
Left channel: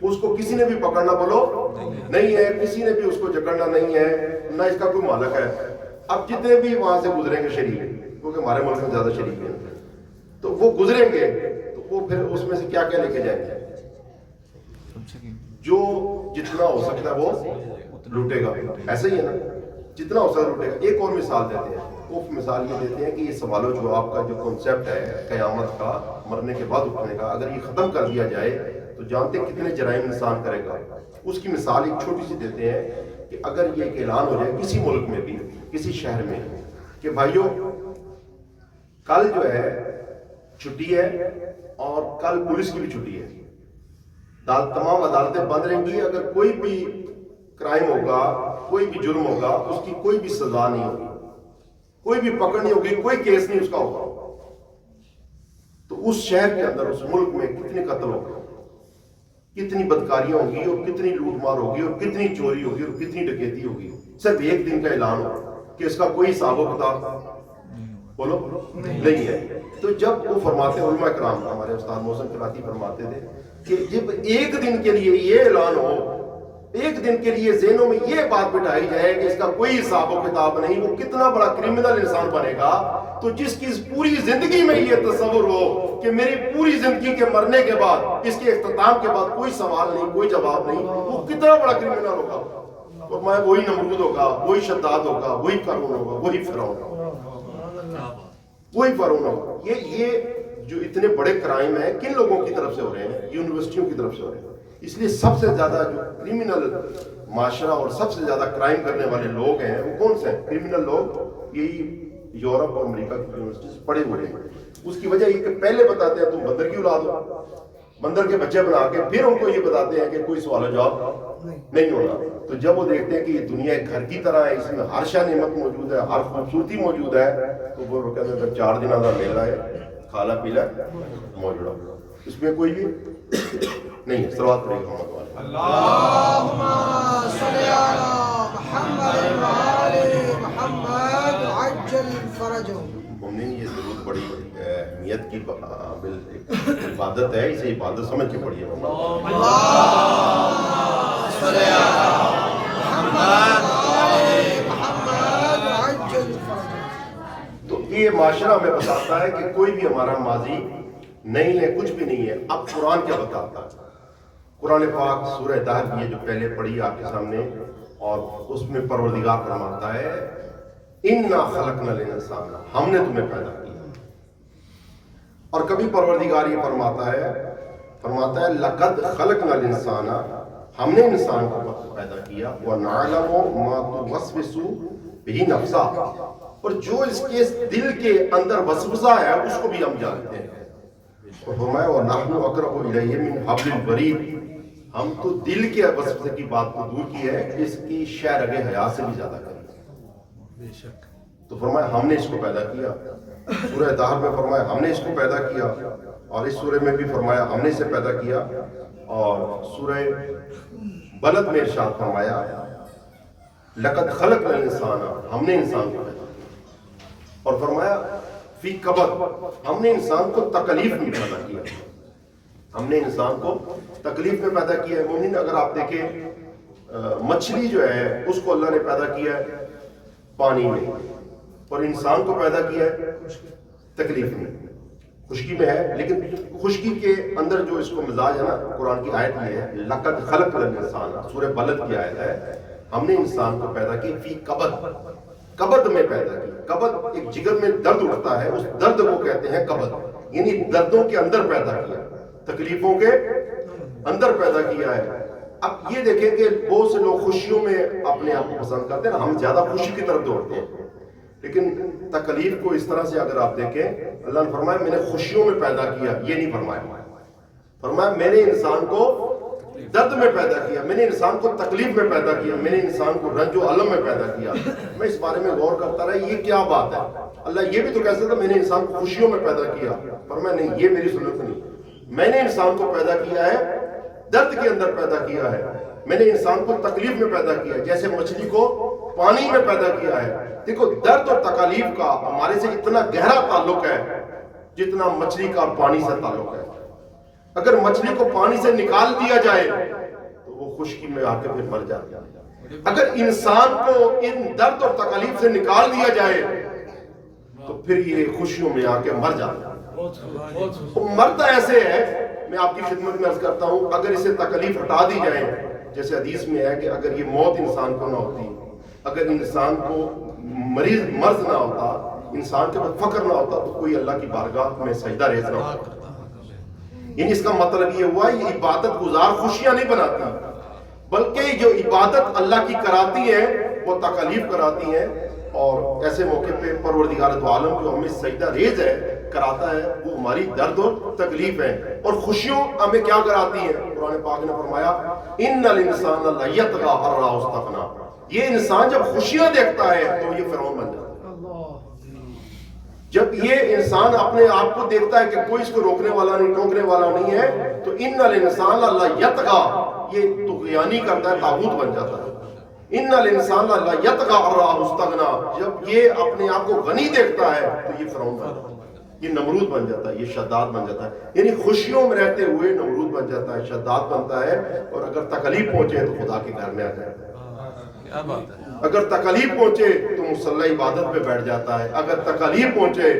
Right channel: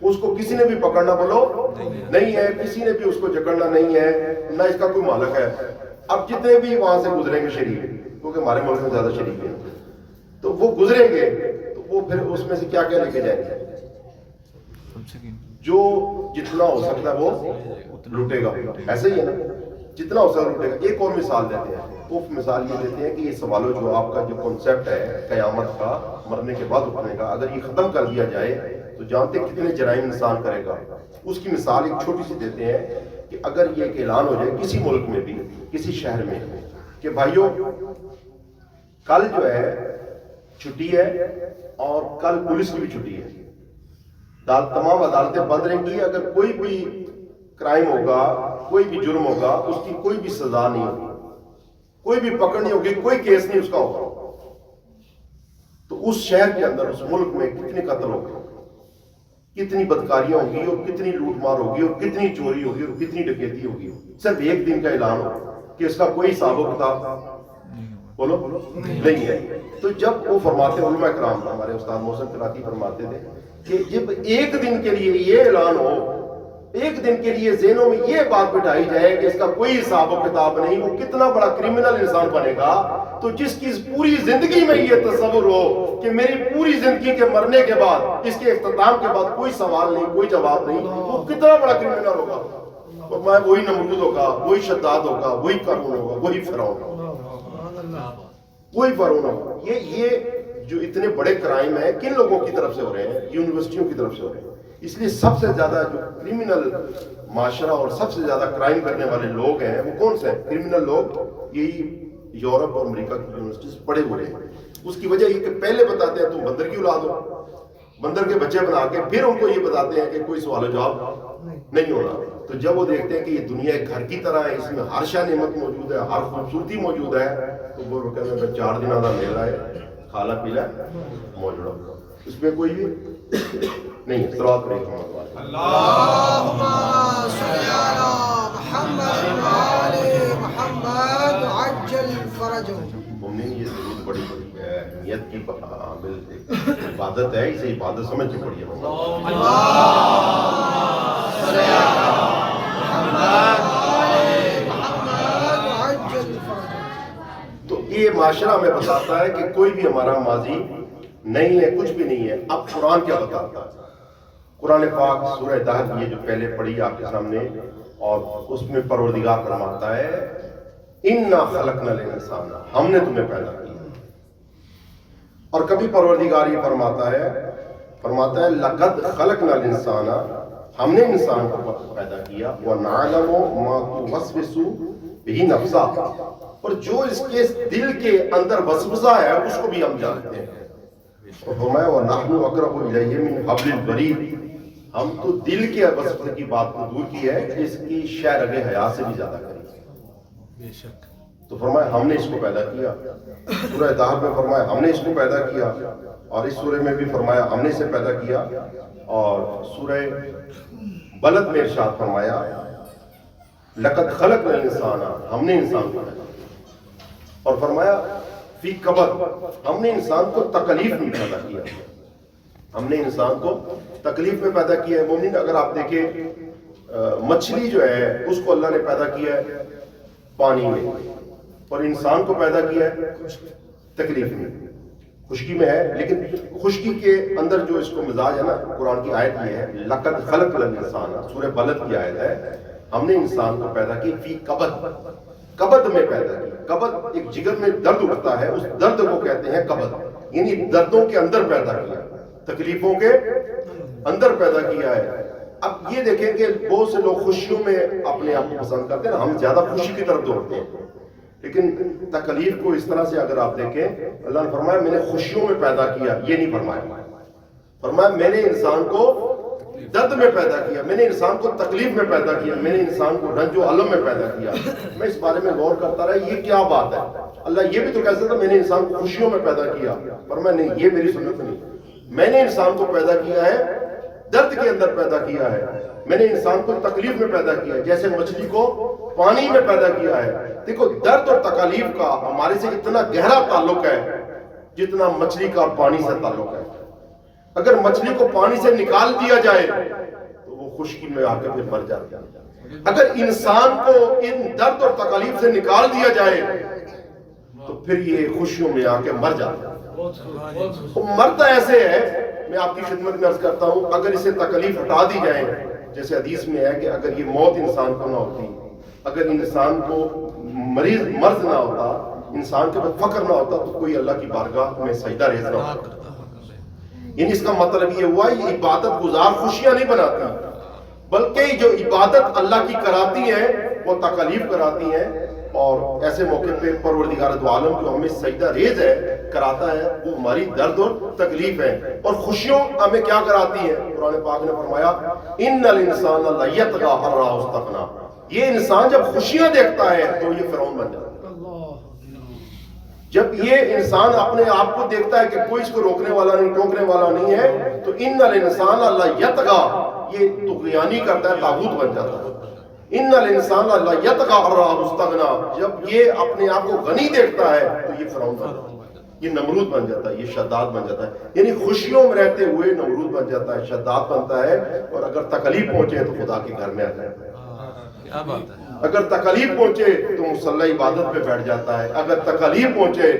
اس کو کسی نے بھی پکڑنا بولو نہیں ہے، کسی نے بھی اس کو جکڑنا نہیں ہے، نہ اس کا کوئی مالک ہے۔ اب جتنے بھی وہاں سے گزریں گے شریف، کیونکہ ہمارے ملک میں زیادہ شریف ہیں، تو وہ گزریں گے تو وہ پھر اس میں سے کیا کیا لے کے جائیں گے؟ جو جتنا ہو سکتا ہے وہ لوٹے گا، ایسے ہی ہے نا، جتنا ہو سکتا ہے لوٹے گا۔ ایک اور مثال دیتے ہیں، وہ مثال یہ دیتے ہیں کہ یہ سوال و جواب کا جو کنسیپٹ ہے قیامت کا، مرنے کے بعد اٹھنے کا، اگر یہ ختم کر دیا جائے تو جانتے کتنے جرائم انسان کرے گا۔ اس کی مثال ایک چھوٹی سی دیتے ہیں کہ اگر یہ ایک اعلان ہو جائے کسی ملک میں بھی، کسی شہر میں، کہ بھائیوں کل جو ہے چھٹی ہے اور کل پولیس کی بھی چھٹی ہے، تمام عدالتیں بند رہیں گی، اگر کوئی بھی کرائم ہوگا، کوئی بھی جرم ہوگا، اس کی کوئی بھی سزا نہیں ہوگی، کوئی بھی پکڑ نہیں ہوگی، کوئی کیس نہیں اس کا ہوگا. تو اس شہر کے اندر، اس ملک میں کتنے قتل ہوگے، کتنی بدکاریاں ہوگی، اور کتنی لوٹ مار ہوگی، اور کتنی چوری ہوگی، اور کتنی ڈکیتی ہوگی. صرف ایک دن کا اعلان ہوگا کہ اس کا کوئی حساب و کتاب بولو نہیں ہے. تو جب وہ فرماتے، علماء کرام ہمارے استاد محسن قراتی فرماتے تھے کہ جب ایک دن کے لیے یہ اعلان ہو، ایک دن کے لیے ذہنوں میں یہ بات بٹھائی جائے کہ اس کا کوئی حساب و کتاب نہیں، وہ کتنا بڑا کرمنل انسان بنے گا. تو جس کی پوری زندگی میں یہ تصور ہو کہ میری پوری زندگی کے مرنے کے بعد، اس کے اختتام کے بعد کوئی سوال نہیں، کوئی جواب نہیں، وہ کتنا بڑا کرمنل ہوگا. اور میں وہی نمرود ہوگا، وہی شداد ہوگا، وہی قارون ہوگا، وہی فرعون ہوگا، وہی فرعون ہوگا. یہ جو اتنے بڑے کرائم ہیں کن لوگوں کی طرف سے ہو رہے ہیں؟ یونیورسٹیوں کی طرف سے ہو رہے ہیں. اس لیے سب سے زیادہ جو کرمنل معاشرہ اور سب سے زیادہ کرائم کرنے والے لوگ ہیں وہ کون سے ہیں؟ کرمنل لوگ یہی یورپ اور امریکہ کی یونیورسٹیز پڑھے ہوئے ہیں. اس کی وجہ یہ کہ پہلے بتاتے ہیں تم بندر کی اولاد ہو، بندر کے بچے بنا کے پھر ان کو یہ بتاتے ہیں کہ کوئی سوال جواب نہیں ہونا. تو جب وہ دیکھتے ہیں کہ یہ دنیا ایک گھر کی طرح ہے، اس میں ہر شے نعمت موجود ہے، ہر خوبصورتی موجود ہے، تو وہ کہتے ہیں 4 دن کا میلہ ہے، کھالا پیلا موجود ہے، اس میں کوئی نہیں ہے. صلوات پڑھیں گے. اللہم صلی علی محمد وآل محمد عجل فرجہم. مومنین یہ ضرور بڑی اہمیت کی عبادت ہے، اسے عبادت سمجھ کے پڑھی ہے. صلی علی محمد وآل محمد عجل فرجہم. تو یہ معاشرہ ہمیں بتاتا ہے کہ کوئی بھی ہمارا ماضی نہیں ہے، کچھ بھی نہیں ہے. اب قرآن کیا بتاتا ہے؟ قرآن پاک سورہ دہر یہ جو پہلے پڑھی آپ کے سامنے، اور اس میں پروردگار فرماتا ہے اِنَّا خَلَقْنَا الْإِنسَانَ، ہم نے تمہیں پیدا کیا. اور کبھی پروردگار یہ فرماتا ہے لَقَدْ خَلَقْنَا الْإِنسَانَ، ہم نے انسان کو پیدا کیا، وَنَعْلَمُ مَا تُوَسْوِسُ بِهِ نَفْسُهُ، اور جو اس کے دل کے اندر وسوسہ ہے اس کو بھی ہم جانتے ہیں. اور فرمایا وَنَحْنُ أَقْرَبُ إِلَيْهِ مِنْ حَبْلِ الْوَرِيدِ، ہم تو دل کے وسوسے کی بات کو دور کی ہے، اس کی شہ رگ حیا سے بھی زیادہ کری. تو فرمایا ہم نے اس کو پیدا کیا. سورہ دہر میں فرمایا ہم نے اس کو پیدا کیا، اور اس سورہ میں بھی فرمایا ہم نے اسے پیدا کیا. اور سورہ بلد میں ارشاد فرمایا لَقَدْ خَلَقْنَا الْإِنسَانَ، ہم نے انسان کو پیدا کیا. اور فرمایا فی کبد، ہم نے انسان کو تکلیف میں پیدا کیا، ہم نے انسان کو تکلیف میں پیدا کیا ہے. مومن اگر آپ دیکھیں مچھلی جو ہے اس کو اللہ نے پیدا کیا ہے پانی میں، اور انسان کو پیدا کیا ہے تکلیف میں، خشکی میں ہے. لیکن خشکی کے اندر جو اس کو مزاج ہے نا، قرآن کی آیت یہ ہے لَقَدْ خَلَقْنَا الْإِنسَانَ، سورہ بلد کی آیت ہے، ہم نے انسان کو پیدا کی فی کبد، کبد میں پیدا کی. کبد ایک جگر میں درد اٹھتا ہے، اس درد کو کہتے ہیں کبد، یعنی دردوں کے اندر پیدا کیا، تکلیفوں کے اندر پیدا کیا ہے. اب یہ دیکھیں کہ بہت سے لوگ خوشیوں میں اپنے آپ کو پسند کرتے ہیں، ہم زیادہ خوشی کی طرف دوڑتے ہیں. لیکن تکلیف کو اس طرح سے اگر آپ دیکھیں، اللہ نے فرمایا میں نے خوشیوں میں پیدا کیا، یہ نہیں فرمایا. فرمایا میں نے انسان کو درد میں پیدا کیا، میں نے انسان کو تکلیف میں پیدا کیا، میں نے انسان کو رنج و علم میں پیدا کیا. میں اس بارے میں غور کرتا رہا یہ کیا بات ہے. اللہ یہ بھی تو کہہ سکتا میں نے انسان کو خوشیوں میں پیدا کیا، پر میں نہیں، یہ میری سنت نہیں. میں نے انسان کو پیدا کیا ہے درد کے اندر پیدا کیا ہے، میں نے انسان کو تکلیف میں پیدا کیا ہے، جیسے مچھلی کو پانی میں پیدا کیا ہے. دیکھو درد اور تکالیف کا ہمارے سے اتنا گہرا تعلق ہے جتنا مچھلی کا پانی سے تعلق ہے. اگر مچھلی کو پانی سے نکال دیا جائے تو وہ خشکی میں آ کے پھر مر جاتی ہے. اگر انسان کو ان درد اور تکالیف سے نکال دیا جائے تو پھر یہ خوشیوں میں آ کے مر جاتا ہے. مرتا ایسے ہے، میں آپ کی خدمت میں عرض کرتا ہوں، اگر اسے تکلیف ہٹا دی جائے، جیسے حدیث میں ہے کہ اگر یہ موت انسان کو نہ ہوتی، اگر انسان کو مرض نہ ہوتا، انسان کے بعد فقر نہ ہوتا، تو کوئی اللہ کی بارگاہ میں سجدہ ریز نہ ہوتا. یعنی اس کا مطلب یہ ہوا یہ عبادت گزار خوشیاں نہیں بناتی، بلکہ جو عبادت اللہ کی کراتی ہیں وہ تکلیف کراتی ہیں. اور ایسے موقع پہ پروردگار دو عالم جو ہمیں سجدہ ریز ہے کراتا ہے، وہ ہماری درد اور تکلیف ہے. اور خوشیوں ہمیں کیا کراتی ہیں؟ قرآن پاک نے فرمایا ان الانسان لیطغی ان رآہ استغنی، یہ انسان جب خوشیاں دیکھتا ہے تو یہ فرعون بن جاتا ہے. جب یہ انسان اپنے آپ کو دیکھتا ہے کہ کوئی اس کو روکنے والا نہیں، ٹوکنے والا نہیں ہے، تو ان الانسان اللہ یطغا، یہ طغیانی کرتا ہے، طاغوت بن جاتا ہے. ان الانسان اللہ یطغا ان رآہ استغنا، جب یہ اپنے آپ کو غنی دیکھتا ہے تو یہ فرعون بن جاتا ہے، یہ نمرود بن جاتا ہے، یہ شداد بن جاتا ہے. یعنی خوشیوں میں رہتے ہوئے نمرود بن جاتا ہے، شداد بنتا ہے، اور اگر تکلیف پہنچے تو خدا کے گھر میں آ جاتا ہے. اگر تکلیف پہنچے تو مصلی عبادت پہ بیٹھ جاتا ہے، اگر تکلیف پہنچے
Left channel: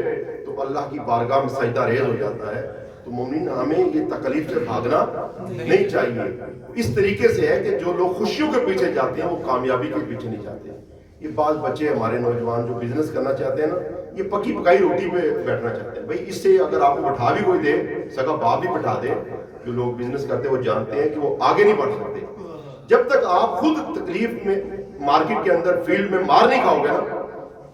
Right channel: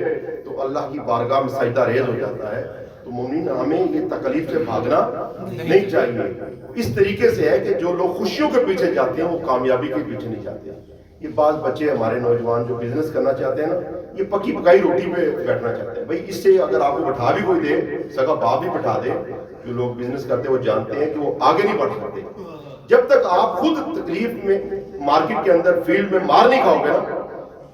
تو اللہ کی بارگاہ میں سجدہ ریز ہو جاتا ہے. تو مومنین ہمیں یہ تکلیف سے بھاگنا نہیں چاہیے. اس طریقے سے ہے کہ جو لوگ خوشیوں کے پیچھے جاتے ہیں وہ کامیابی کے پیچھے نہیں جاتے. یہ بعض بچے ہمارے نوجوان جو بزنس کرنا چاہتے ہیں نا، یہ پکی پکائی روٹی پہ بیٹھنا چاہتے ہیں. بھائی اس سے اگر آپ کو بٹھا بھی کوئی دے، سگا باپ بھی بٹھا دے، جو لوگ بزنس کرتے ہیں وہ جانتے ہیں کہ وہ آگے نہیں بڑھ سکتے. جب تک آپ خود تکلیف میں مارکیٹ کے اندر فیلڈ میں مار نہیں کھاؤ گے نا،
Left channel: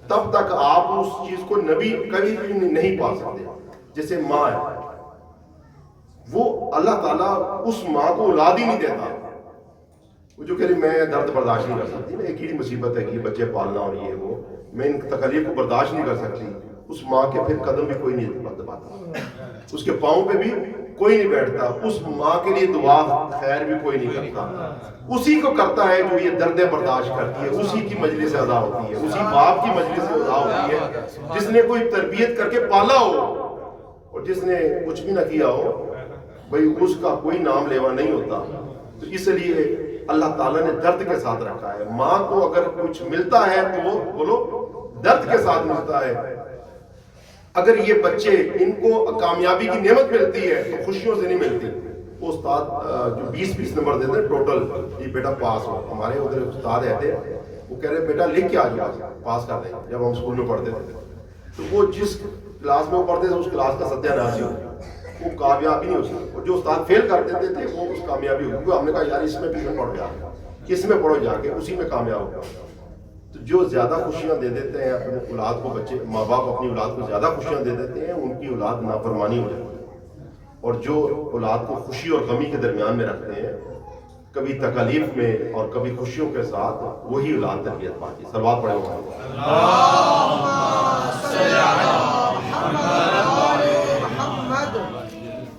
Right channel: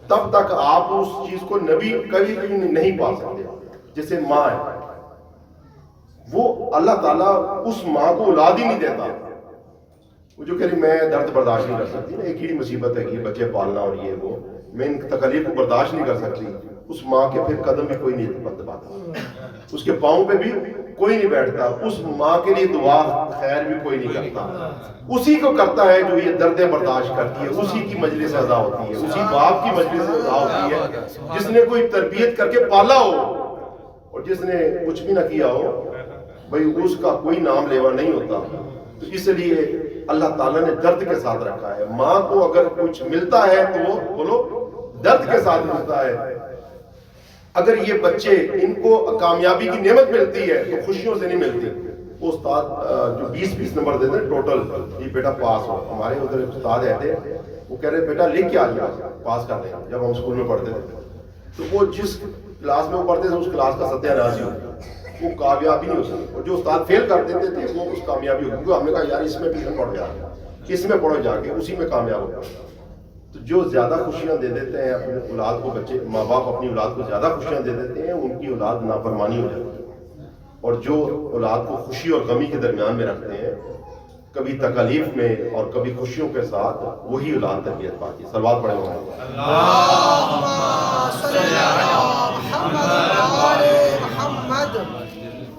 تب تک آپ اس چیز کو نبی کبھی بھی نہیں پا سکتے. جیسے ماں ہے، وہ اللہ تعالیٰ اس ماں کو اولاد ہی نہیں دیتا. وہ جو کہہ رہی میں درد برداشت نہیں کر سکتی نا، ایک ہی مصیبت ہے کہ بچے پالنا اور یہ وہ، میں ان تکلیف کو برداشت نہیں کر سکتی. اس ماں کے پھر قدم بھی کوئی نہیں دباتا، اس کے پاؤں پہ بھی کوئی نہیں بیٹھتا، اس ماں کے لیے دعا خیر بھی کوئی نہیں کرتا. اسی کو کرتا ہے جو یہ دردیں برداشت کرتی ہے، اسی کی مجلس ادا ہوتی ہے، اسی باپ کی مجلس ادا ہوتی ہے جس نے کوئی تربیت کر کے پالا ہو. اور جس نے کچھ بھی نہ کیا ہو، بھئی اس کا کوئی نام لیوا نہیں ہوتا. تو اس لیے اللہ تعالیٰ نے درد کے ساتھ رکھا ہے. ماں کو اگر کچھ ملتا ہے تو وہ بولو درد کے ساتھ ملتا ہے. اگر یہ بچے ان کو کامیابی کی نعمت ملتی ہے تو خوشیوں سے نہیں ملتی. وہ استاد جو 20 نمبر دیتے ہیں ٹوٹل، یہ بیٹا پاس ہو. ہمارے ادھر استاد رہتے ہیں، وہ کہہ رہے بیٹا لکھ کے آ جاؤ پاس کر دیں. جب ہم اسکول میں پڑھتے تھے تو وہ جس کلاس میں وہ پڑھتے تھے اس کلاس کا ستیہ ناش ہی ہو، وہ کامیابی نہیں ہو سکتی. اور جو استاد فیل کر دیتے تھے وہ اس کامیابی ہو. کیونکہ ہم نے کہا یار اس میں بھی پڑھو جا کے، اس میں پڑھو جا کے، اسی میں کامیاب ہوگا. تو جو زیادہ خوشیاں دے دیتے ہیں اپنے اولاد کو، بچے ماں باپ اپنی اولاد کو زیادہ خوشیاں دے دیتے ہیں، ان کی اولاد نافرمانی ہو جاتی ہے. اور جو اولاد کو خوشی اور غمی کے درمیان میں رکھتے ہیں، کبھی تکلیف میں اور کبھی خوشیوں کے ساتھ، وہی اولاد تربیت پاتی ہے. صلوات پڑھیں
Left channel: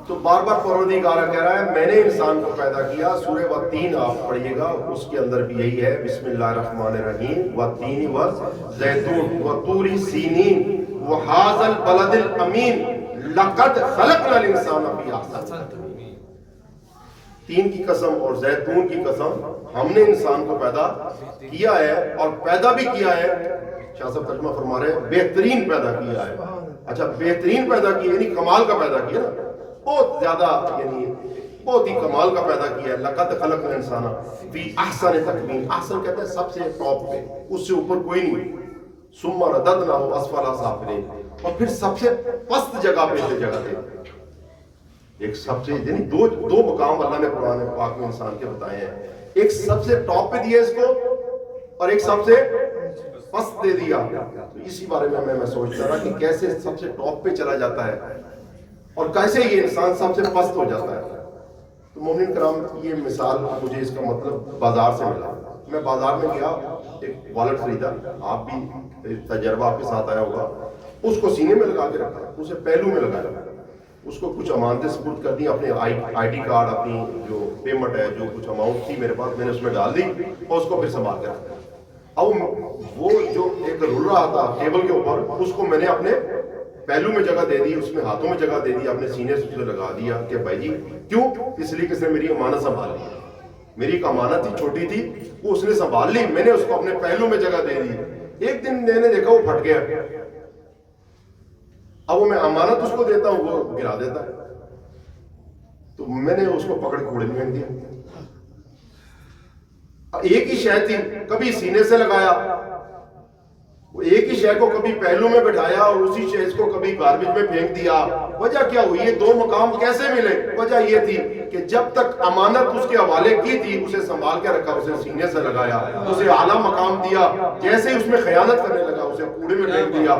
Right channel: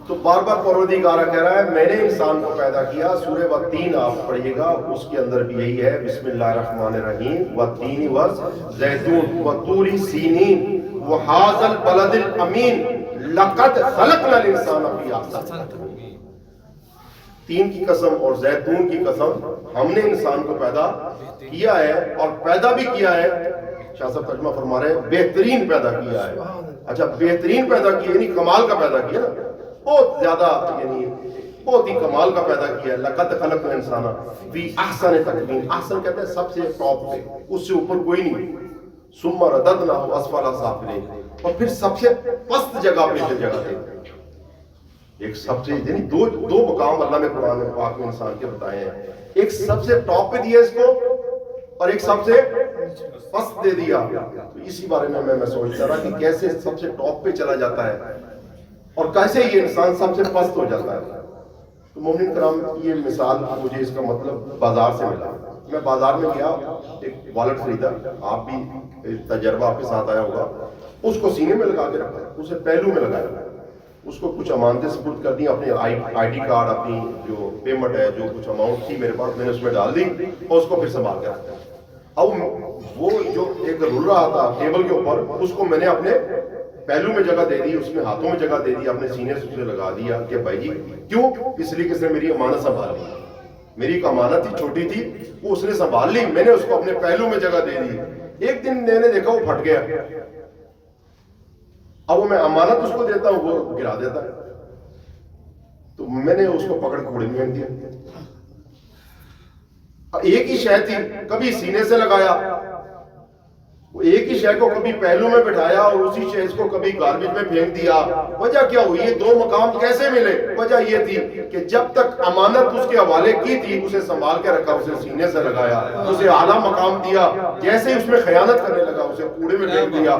تو بار بار پروردگار کہہ رہا ہے میں نے انسان کو پیدا کیا. سورہ والتین آپ پڑھیے گا، اس کے اندر بھی یہی ہے. بسم اللہ الرحمن الرحیم. والتین والزیتون وطور سینین وہذا البلد الامین لقد خلقنا الانسان فی احسن تقویم. تین کی قسم اور زیتون کی قسم، ہم نے انسان کو پیدا کیا ہے، اور پیدا بھی کیا ہے. شاہ صاحب ترجمہ فرما رہے ہیں بہترین پیدا کیا ہے. اچھا بہترین پیدا کیا یعنی کمال کا پیدا کیا نا، بہت زیادہ، یعنی بہت ہی کمال کا پیدا کیا ہے. لقد خلقنا الانسان فی احسن تقویم. احسن کہتے ہیں سب سے ٹاپ پہ، اس سے اوپر کوئی نہیں. ثم رددناہ اسفل سافلین، اور پھر سب سے پست جگہ پہ سے جگہ دے. ایک سب سے، یعنی دو مقام اللہ نے قرآن پاک میں انسان کے بتائے ہیں. ایک سب سے ٹاپ پہ دیا اس کو، اور ایک سب سے پست دے دیا. تو اسی بارے میں میں سوچتا رہا کہ کیسے سب سے ٹاپ پہ چلا جاتا ہے اور کیسے یہ انسان سب سے پست ہو جاتا ہے. تو مومنین کرام، یہ مثال مجھے اس کا مطلب بازار سے ملا. میں بازار میں گیا، ایک والٹ خریدا، آپ بھی تجربہ آپ کے ساتھ آیا ہوگا. اس کو سینے میں لگا کے رکھا، اسے پہلو میں لگایا، اس کو کچھ امانتیں سپرد کر دی، اپنے آئی ڈی کارڈ، اپنی جو پیمنٹ ہے، جو کچھ اماؤنٹ تھی میرے پاس، میں نے اس میں ڈال دی اور اس کو پھر سنبھال کے رکھا. اب وہ جو ایک رول رہا تھا ٹیبل کے اوپر، اس کو میں نے اپنے پہلو میں جگہ دے دی، اس میں ہاتھوں میں جگہ دے دی، اپنے سینے سے اسے لگا دیا کہ بھائی جی کیوں؟ اس لیے کہ اس نے میری امانت سنبھال لی. میری ایک امانت تھی، چھوٹی تھی، وہ اس نے سنبھال لی، میں نے اس کو اپنے پہلو میں جگہ دے دی. ایک دن میں نے دیکھا وہ پھٹ گیا. اب وہ میں امانت اس کو دیتا ہوں، وہ گرا دیتا ہے. تو میں نے اس کو پکڑ کوڑے میں پھینک دیا. ایک ہی شے تھی، کبھی سینے سے لگایا، وہ ایک ہی شے کو کبھی پہلو میں بٹھایا، اور اسی شے کو کبھی گاربیج میں پھینک دیا. وجہ کیا ہوئی؟ یہ دو مقام کیسے ملے؟ وجہ یہ تھی کہ جب تک امانت اس کے حوالے کی تھی، اسے سنبھال کے رکھا، اسے سینے سے لگایا، اسے اعلیٰ مقام دیا. جیسے ہی اس میں خیانت کرنے لگا، اسے کوڑے میں پھینک دیا.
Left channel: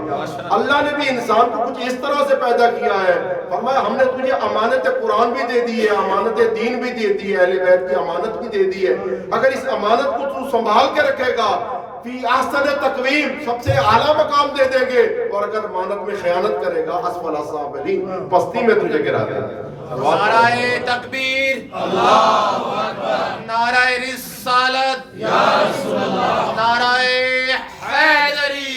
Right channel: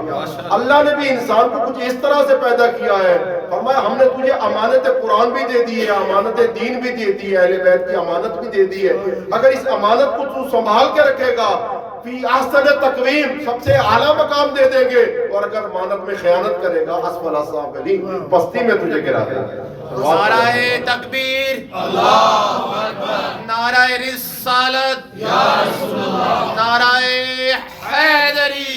اللہ نے بھی انسان کو کچھ اس طرح سے پیدا کیا ہے. فرمایا ہم نے تجھے امانت قرآن بھی دے دی ہے، امانت دین بھی دے دی ہے، اہل بیت کی امانت بھی دے دی ہے. اگر اس امانت کو تو سنبھال کے رکھے گا فی احسن تقویم سب سے اعلیٰ مقام دے دیں گے، اور اگر امانت میں خیانت کرے گا اسفل السافلین پستی میں تجھے گرا دیں گے۔ نعرہ تکبیر، اللہ اکبر، نعرہ رسالت، یا رسول اللہ، نعرہ حیدری،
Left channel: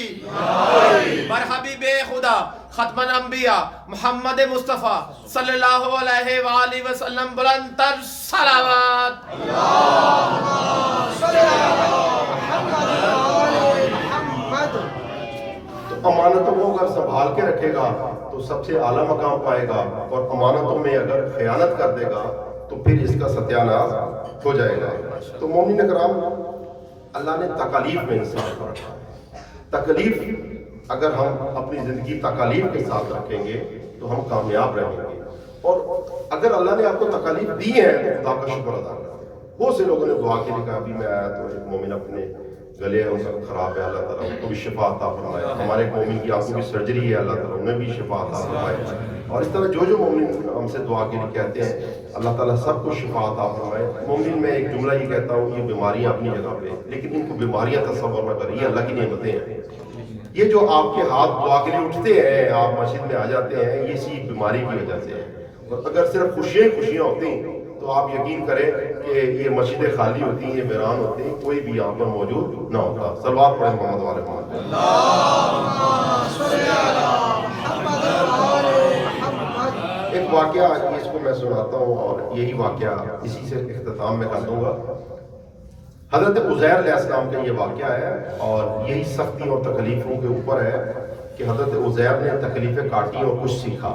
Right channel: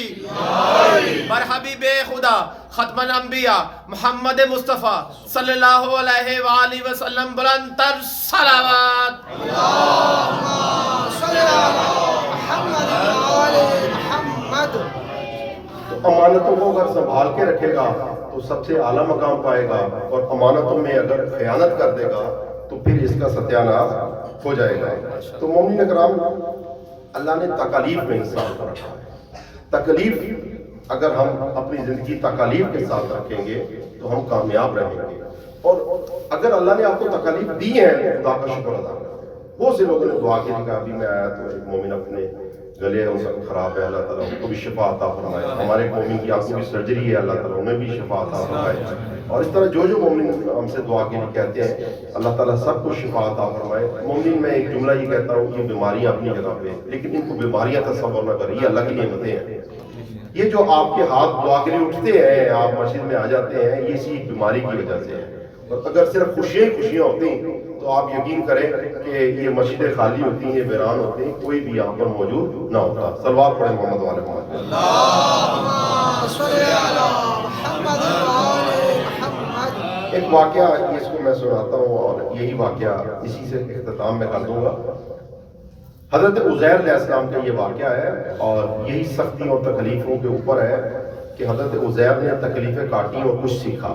بر حبیب خدا ختم الانبیاء محمد مصطفیٰ صلی اللہ علیہ وآلہ وسلم بلند تر صلوات۔ تو امانتوں کو اگر سنبھال کے رکھے گا تو سب سے اعلیٰ مقام پائے گا، اور امانتوں میں اگر خیانت کر دے گا تو پھر اس کا ستیہ ناش ہو جائے گا۔ تو مومنین کرام، اللہ نے تکالیف میں انسان کو رکھا ہے۔ تکلیف اگر ہم اپنی زندگی تکالیف کے ساتھ رکھیں گے تو ہم کامیاب رہیں گے، اور اگر اللہ نے آپ کو تکالیف دی ہے تو خدا کا شکر ادا کریں۔ بہت سے لوگوں نے دعا کی تھی کہ ابھی میں آیا تو ایک مومن اپنے گلے ان کا خراب ہے، اللہ تعالیٰ ان کو بھی شفا عطا فرمائے۔ ہمارے ایک مومن کی آنکھوں کی سرجری ہے، اللہ تعالیٰ انہیں بھی شفا عطا فرمائے۔ اور اس طرح جو مومن ہم سے دعا کے لیے کہتے ہیں اللہ تعالیٰ سب کو شفا عطا فرمائے۔ مومن میں ایک جملہ یہ کہتا ہوں، یہ بیماریاں اپنی جگہ پہ، لیکن ان کو بیماریاں تصور نہ کریں، یہ اللہ کی نعمتیں ہیں۔ یہ جو آپ کے ہاتھ دعا کے لیے اٹھتے ہیں، آپ مسجد میں آ جاتے ہیں، یہ اسی بیماری کی وجہ سے ہے۔ اور اگر صرف خوشیاں ہوتی تو آپ یقین کریں کہ یہ مسجدیں خالی ہوتی ہیں، یہ ویران ہوتے ہیں، کوئی بھی یہاں پر موجود نہ ہوتا۔ صلوات پڑھیں محمد والے محمد۔ ایک واقعہ اس کو میں سناتا ہوں، اور یہی واقعہ اسی سے اختتام میں کر دوں گا۔ حضرت عزیر علیہ السلام کا یہ واقعہ ہے، اور یہی سختیوں اور تکلیفوں کے اوپر ہے کہ حضرت عزیر نے تکلیفیں کاٹی اور کچھ سیکھا۔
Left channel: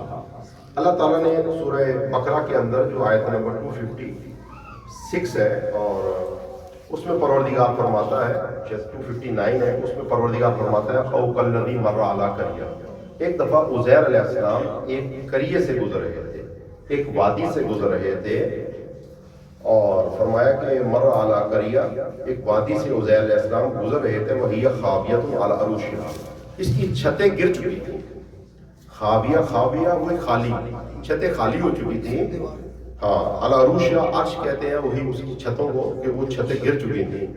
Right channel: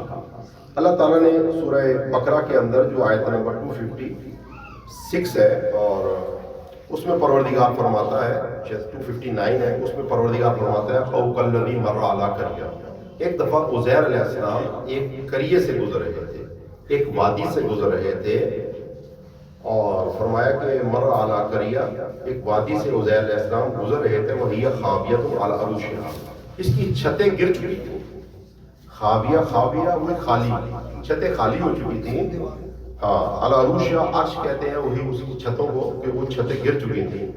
اللہ تعالیٰ نے سورہ بقرہ کے اندر جو آیت نمبر 256 ہے، اور اس میں پروردگار فرماتا ہے، 259 ہے، اس میں پروردگار فرماتا ہے او کالذی مر علی قریہ۔ ایک دفعہ عزیر علیہ السلام ایک قریے سے گزر رہے تھے، ایک وادی سے گزر رہے تھے، اور فرمایا کہ مر علی قریہ، ایک وادی سے عزیر علیہ السلام گزر رہے تھے، وہی خاویۃ علی عروشہا، اس کی چھتیں گر چکی تھیں۔ خاویہ وہ خالی، چھتیں خالی ہو چکی تھیں، ہاں، علی عروشہا عرش کہتے ہیں وہی اس کی چھتوں کو، کہ وہ چھتیں گر چکی تھیں۔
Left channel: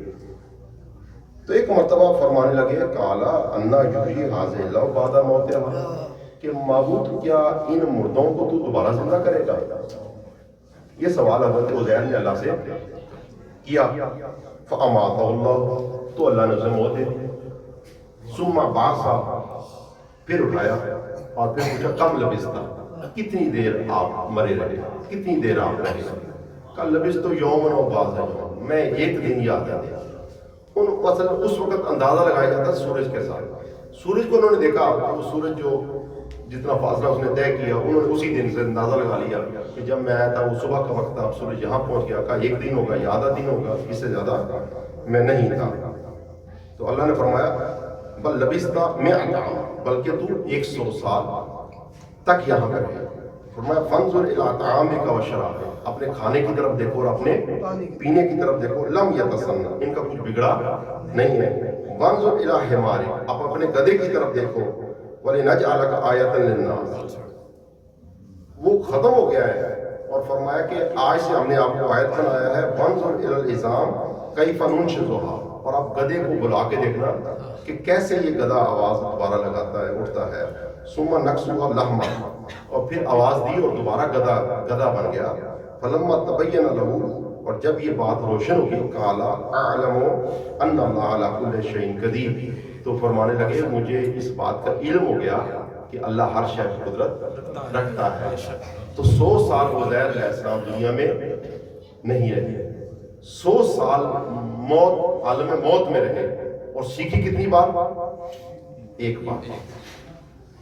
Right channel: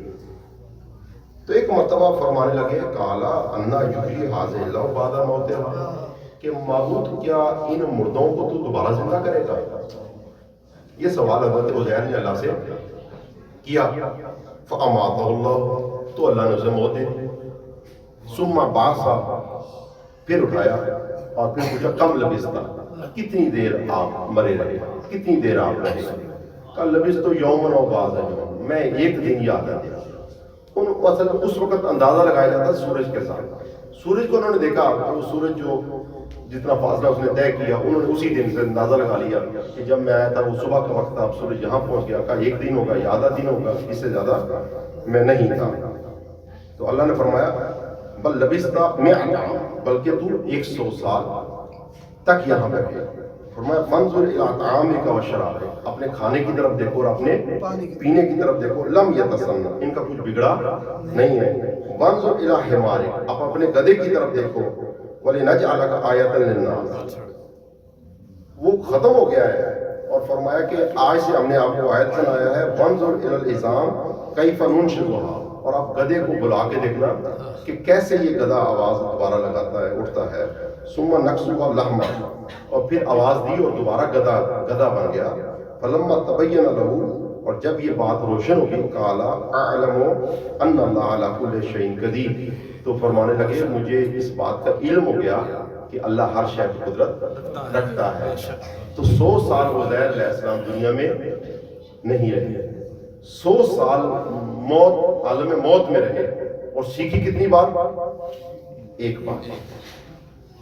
تو ایک مرتبہ فرمانے لگے قالا انا یحیی ھذہ اللہ بعد موتہا، کہ معبود کیا ان مردوں کو تو دوبارہ زندہ کرے گا؟ یہ سوال حضرت عزیر نے اللہ سے کیا۔ فاماتہ اللہ، تو اللہ نے اسے موت دے دی۔ ثم بعثہ، پھر اٹھایا اور پھر پوچھا کم لبثت، کتنی دیر آپ مرے رہے، کتنی دیر آپ رہے؟ کل لبثت یوما و بعض یوم، میں ایک دن یا آدھا دن۔ اس وقت اندازہ لگایا جاتا سورج کے ساتھ۔ سورج کو انہوں نے دیکھا، وہ سورج جو جتنا فاصلہ اس نے طے کیا، انہوں نے اسی دن سے اندازہ لگا لیا کہ جب میں آیا تھا وہ صبح کا وقت تھا، اب سورج یہاں پہنچ گیا، کہا ایک دن ہوگا یا آدھا دن ہوگا، اس سے زیادہ میں نہیں تھا۔ تو اللہ نے فرمایا بل لبثت مئۃ عام، بلکہ تو 100 سال تک یہاں پہ رہے۔ فرمایا فانظر الی طعامک و شرابک، اپنے کھانے کی طرف دیکھو اور اپنے پینے کی طرف دیکھو، لم یتسنہ، ان کا کچھ بگڑا نہیں ہے۔ وانظر الی حمارک، اب اپنے گدھے کی طرف دیکھو، وَلِنَجْعَلَكَ آیَةً لِلنَّاسِ، وہ ختم ہو گیا ہے، اور فرمایا کہ آج سے ہم نے آپ کو آیت بنایا ہے۔ وَانظُرْ إِلَى الْعِظَامِ كَيْفَ نُنشِزُهَا، اور آپ گدھے کو بلا کے دیکھنا کہ کیسے یہ گدھا آواز دوبارہ لگاتا ہے، اٹھتا ہے۔ ثُمَّ نَكْسُوهَا لَحْمًا، اور پھر آواز دی اور دوبارہ گدھا بن گیا۔ فَلَمَّا تَبَيَّنَ لَهُ، اور جب یہ بات روشن ہوگی، قَالَ أَعْلَمُ أَنَّ اللَّهَ عَلَى كُلِّ شَيْءٍ قَدِيرٌ، تو فرمانے لگے مجھے اس بات کا علم ہو گیا کہ اللہ ہر شے پر قدرت رکھتا ہے۔ تو 100 سال عزیر علیہ السلام دنیا میں نہیں رہے، 100 سال موت، عالم موت میں رہے، اور سیکھی کتنی بار؟ ایک بات۔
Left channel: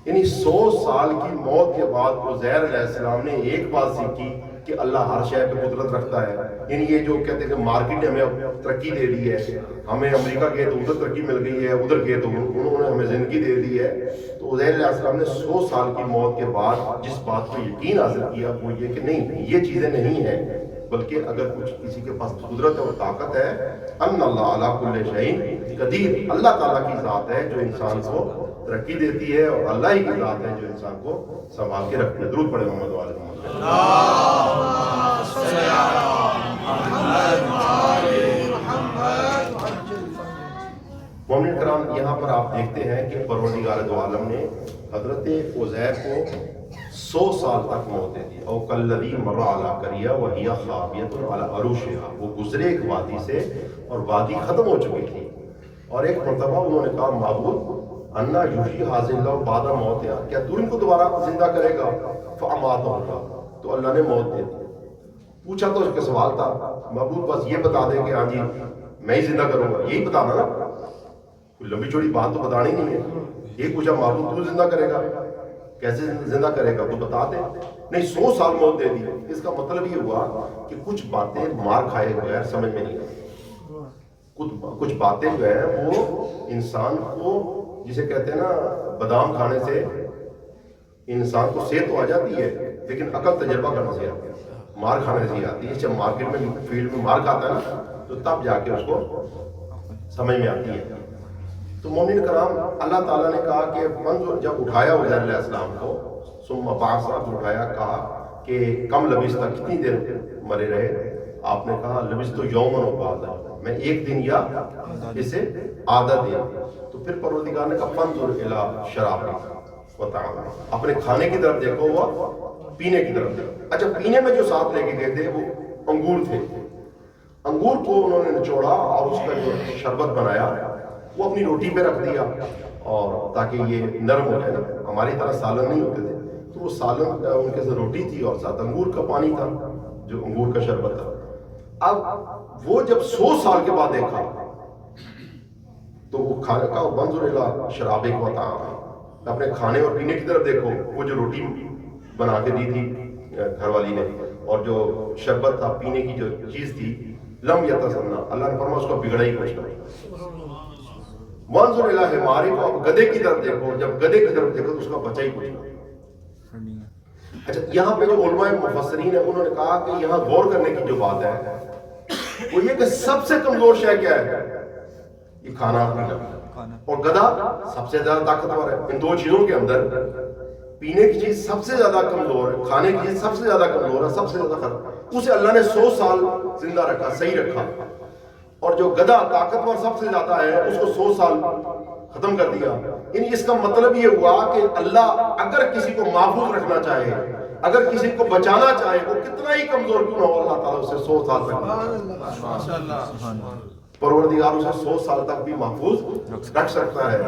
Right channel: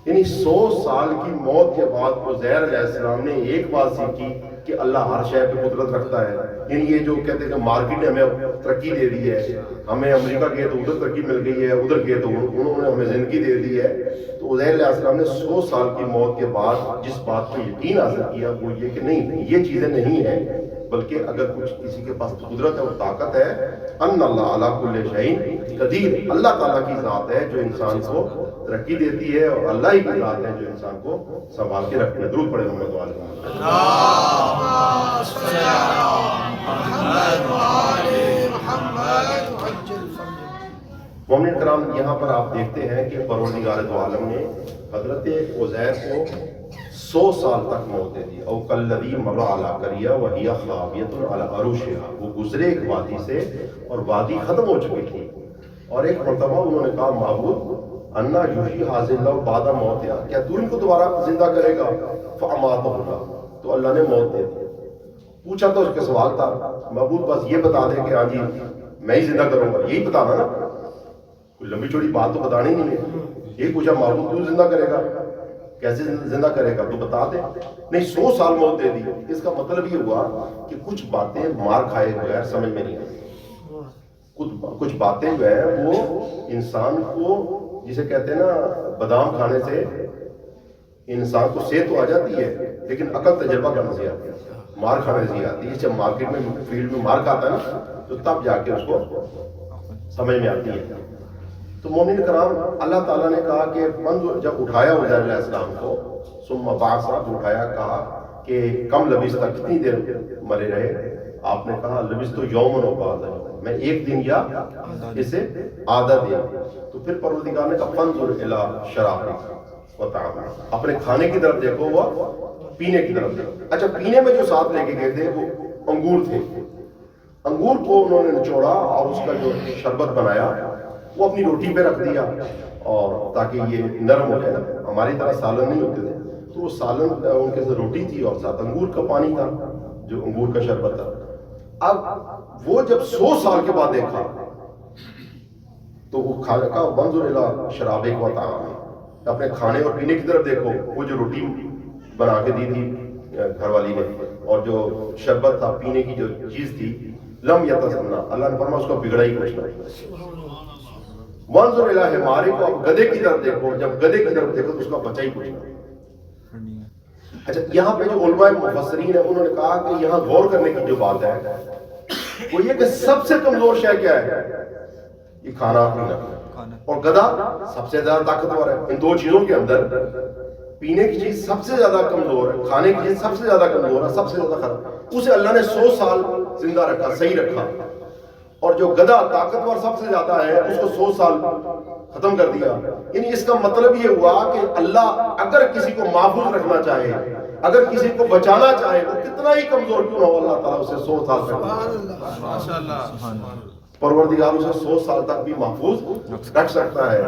یعنی 100 سال کی موت کے بعد عزیر علیہ السلام نے ایک بات سیکھی کہ اللہ ہر شے پہ قدرت رکھتا ہے۔ یعنی یہ جو کہتے ہیں کہ مارکیٹ نے ہمیں ترقی دے دی ہے، ہمیں امریکہ گئے تو ادھر ترقی مل گئی ہے، ادھر گئے تو انہوں نے ہمیں زندگی دے دی ہے، تو عزیر علیہ السلام نے 100 سال کی موت کے بعد جس بات پہ یقین حاصل کیا وہ یہ کہ نہیں، یہ چیزیں نہیں ہیں، بلکہ اگر کچھ کسی کے پاس قدرت ہے اور طاقت ہے، ان اللہ علی کل شیء قدیر، اللہ تعالیٰ کی ذات ہے جو انسان کو ترقی دیتی ہے، اور اللہ ہی کی ذات ہے جو انسان کو سنبھال کے رکھتی ہے۔ درود پڑھیں محمد و آل محمد۔ اللہم صلی علی محمد و آل محمد۔ مومن کرام یہاں پر آپ دیکھتے ہیں کہ پروردگار دو عالم نے حضرت عزیر کو 100 سال تک موت دے دی. او کالذی مر علی قریہ وہی خاویۃ علی عروشہا، وہ گزرے ایک وادی سے اور وادی ختم ہو چکی تھی، اور ایک مرتبہ انہوں نے کہا معبود انا یحیی ھذہ اللہ بعد موتہا، کیا تو ان کو دوبارہ زندہ کرے گا؟ فاماتہ اللہ، تو اللہ نے موت دے دی. پوچھا تو اس کا سوال تھا معبود بس یہ بتا دے کہ ہاں جی میں ہی زندہ کروں گا، یہی بتانا نا، کوئی لمبی چوڑی بات تو بتانی نہیں ہے. یہ پوچھا معبود تو زندہ کرے گا؟ کیسے زندہ کرے گا؟ تو بتا دے. نہیں 100 سال موت دے دی. اس کا مطلب یہ ہوا کہ کچھ باتیں مار کھائے بغیر سمجھ میں نہیں آتی. کچھ باتیں جو ہیں وہ انسان کو، جسے کہتے ہیں نا بادام کھانے سے انسان کو صحت تو آ جاتی ہے لیکن عقل تجربہ کرنے سے آتی ہے، مار کھانے سے آتی ہے. جب مارکیٹ میں فیلڈ میں مار کھاتا ہے نا تو تب جا کے اس کو سمجھ میں آتی ہے. تو مومن کرام اللہ تعالیٰ نے کہا کہ جب اٹھایا عزیر علیہ السلام کو ثم بعثہ، اٹھایا، کہا کہ کم لبثت، کتنی دیر مرے رہے؟ آپ نے کہا لبثت یوما و بعض، میں ایک دن یا اسے آدھا دن. تو پھر پروردگار نے کہا فانظر الی شرابک و طعامک، اپنے کھانے کی طرف دیکھو و پینے کی طرف دیکھو. اچھا پینے میں جو ساتھ لے کے گئے تھے وہ انگور تھے. انگور کو انہوں نے نچوڑا اور اس کا جو شربت بنایا وہ اپنی روٹی پہ رکھ دیا، اور تاکہ یہ نرم ہو جائے نا. ہماری طرح سالن نہیں ہوتے تھے تو وہ سالن ان کے ساتھ روٹی تھی اور ساتھ انگور کا پانی تھا جو انگور کا شربت تھا. اب وہ جب 100 سال کے بعد دیکھا تو وہ کھانے کا وانظر الی شرابک و طعامک، اپنے کھانے اور پینے کی طرف دیکھو. وہ جو روٹی بنا کے دی تھی گھر والی نے اور جو شربت تھا پینے کی جو چیز تھی، لم یتسنہ، اللہ نے فرمایا اس کو بگڑا ہی کچھ نہیں. وانظر الی حمارک، کو اب گدھے کی طرف دیکھو، جب گدھے کی طرف دیکھو تو اس کا بچا ہی کچھ نہیں. اچھا یہاں پہ جو علماء مفسرین ہیں انہوں نے کہا کہ یہاں غور کرنے کی جو بات ہے وہ یہ کہ سب سے کمزور شے کیا ہے؟ یہ کھانا پینا. اور گدھا سب سے زیادہ طاقتور ہے. ان دو چیزوں کے اندر پینے کی چیز سب سے زیادہ کمزور ہے، کھانے کی چیز سب سے زیادہ کمزور ہے، سب سے زیادہ خراب. اسے اللہ نے 100 سال زندہ رکھا، صحیح رکھا. اور جو گدھا طاقتور سب سے زیادہ ہے اس کو 100 سال ختم کر دیا. یعنی اس کا مطلب یہ ہوا کہ اللہ اگر کسی کو محفوظ رکھنا چاہے، اگر کسی کو بچانا چاہے، وہ کتنا ہی کمزور کیوں نہ ہو، اللہ تعالیٰ اسے 100 سال تک، پروردگار اسے 100 سال تک بھی محفوظ رکھ سکتا ہے.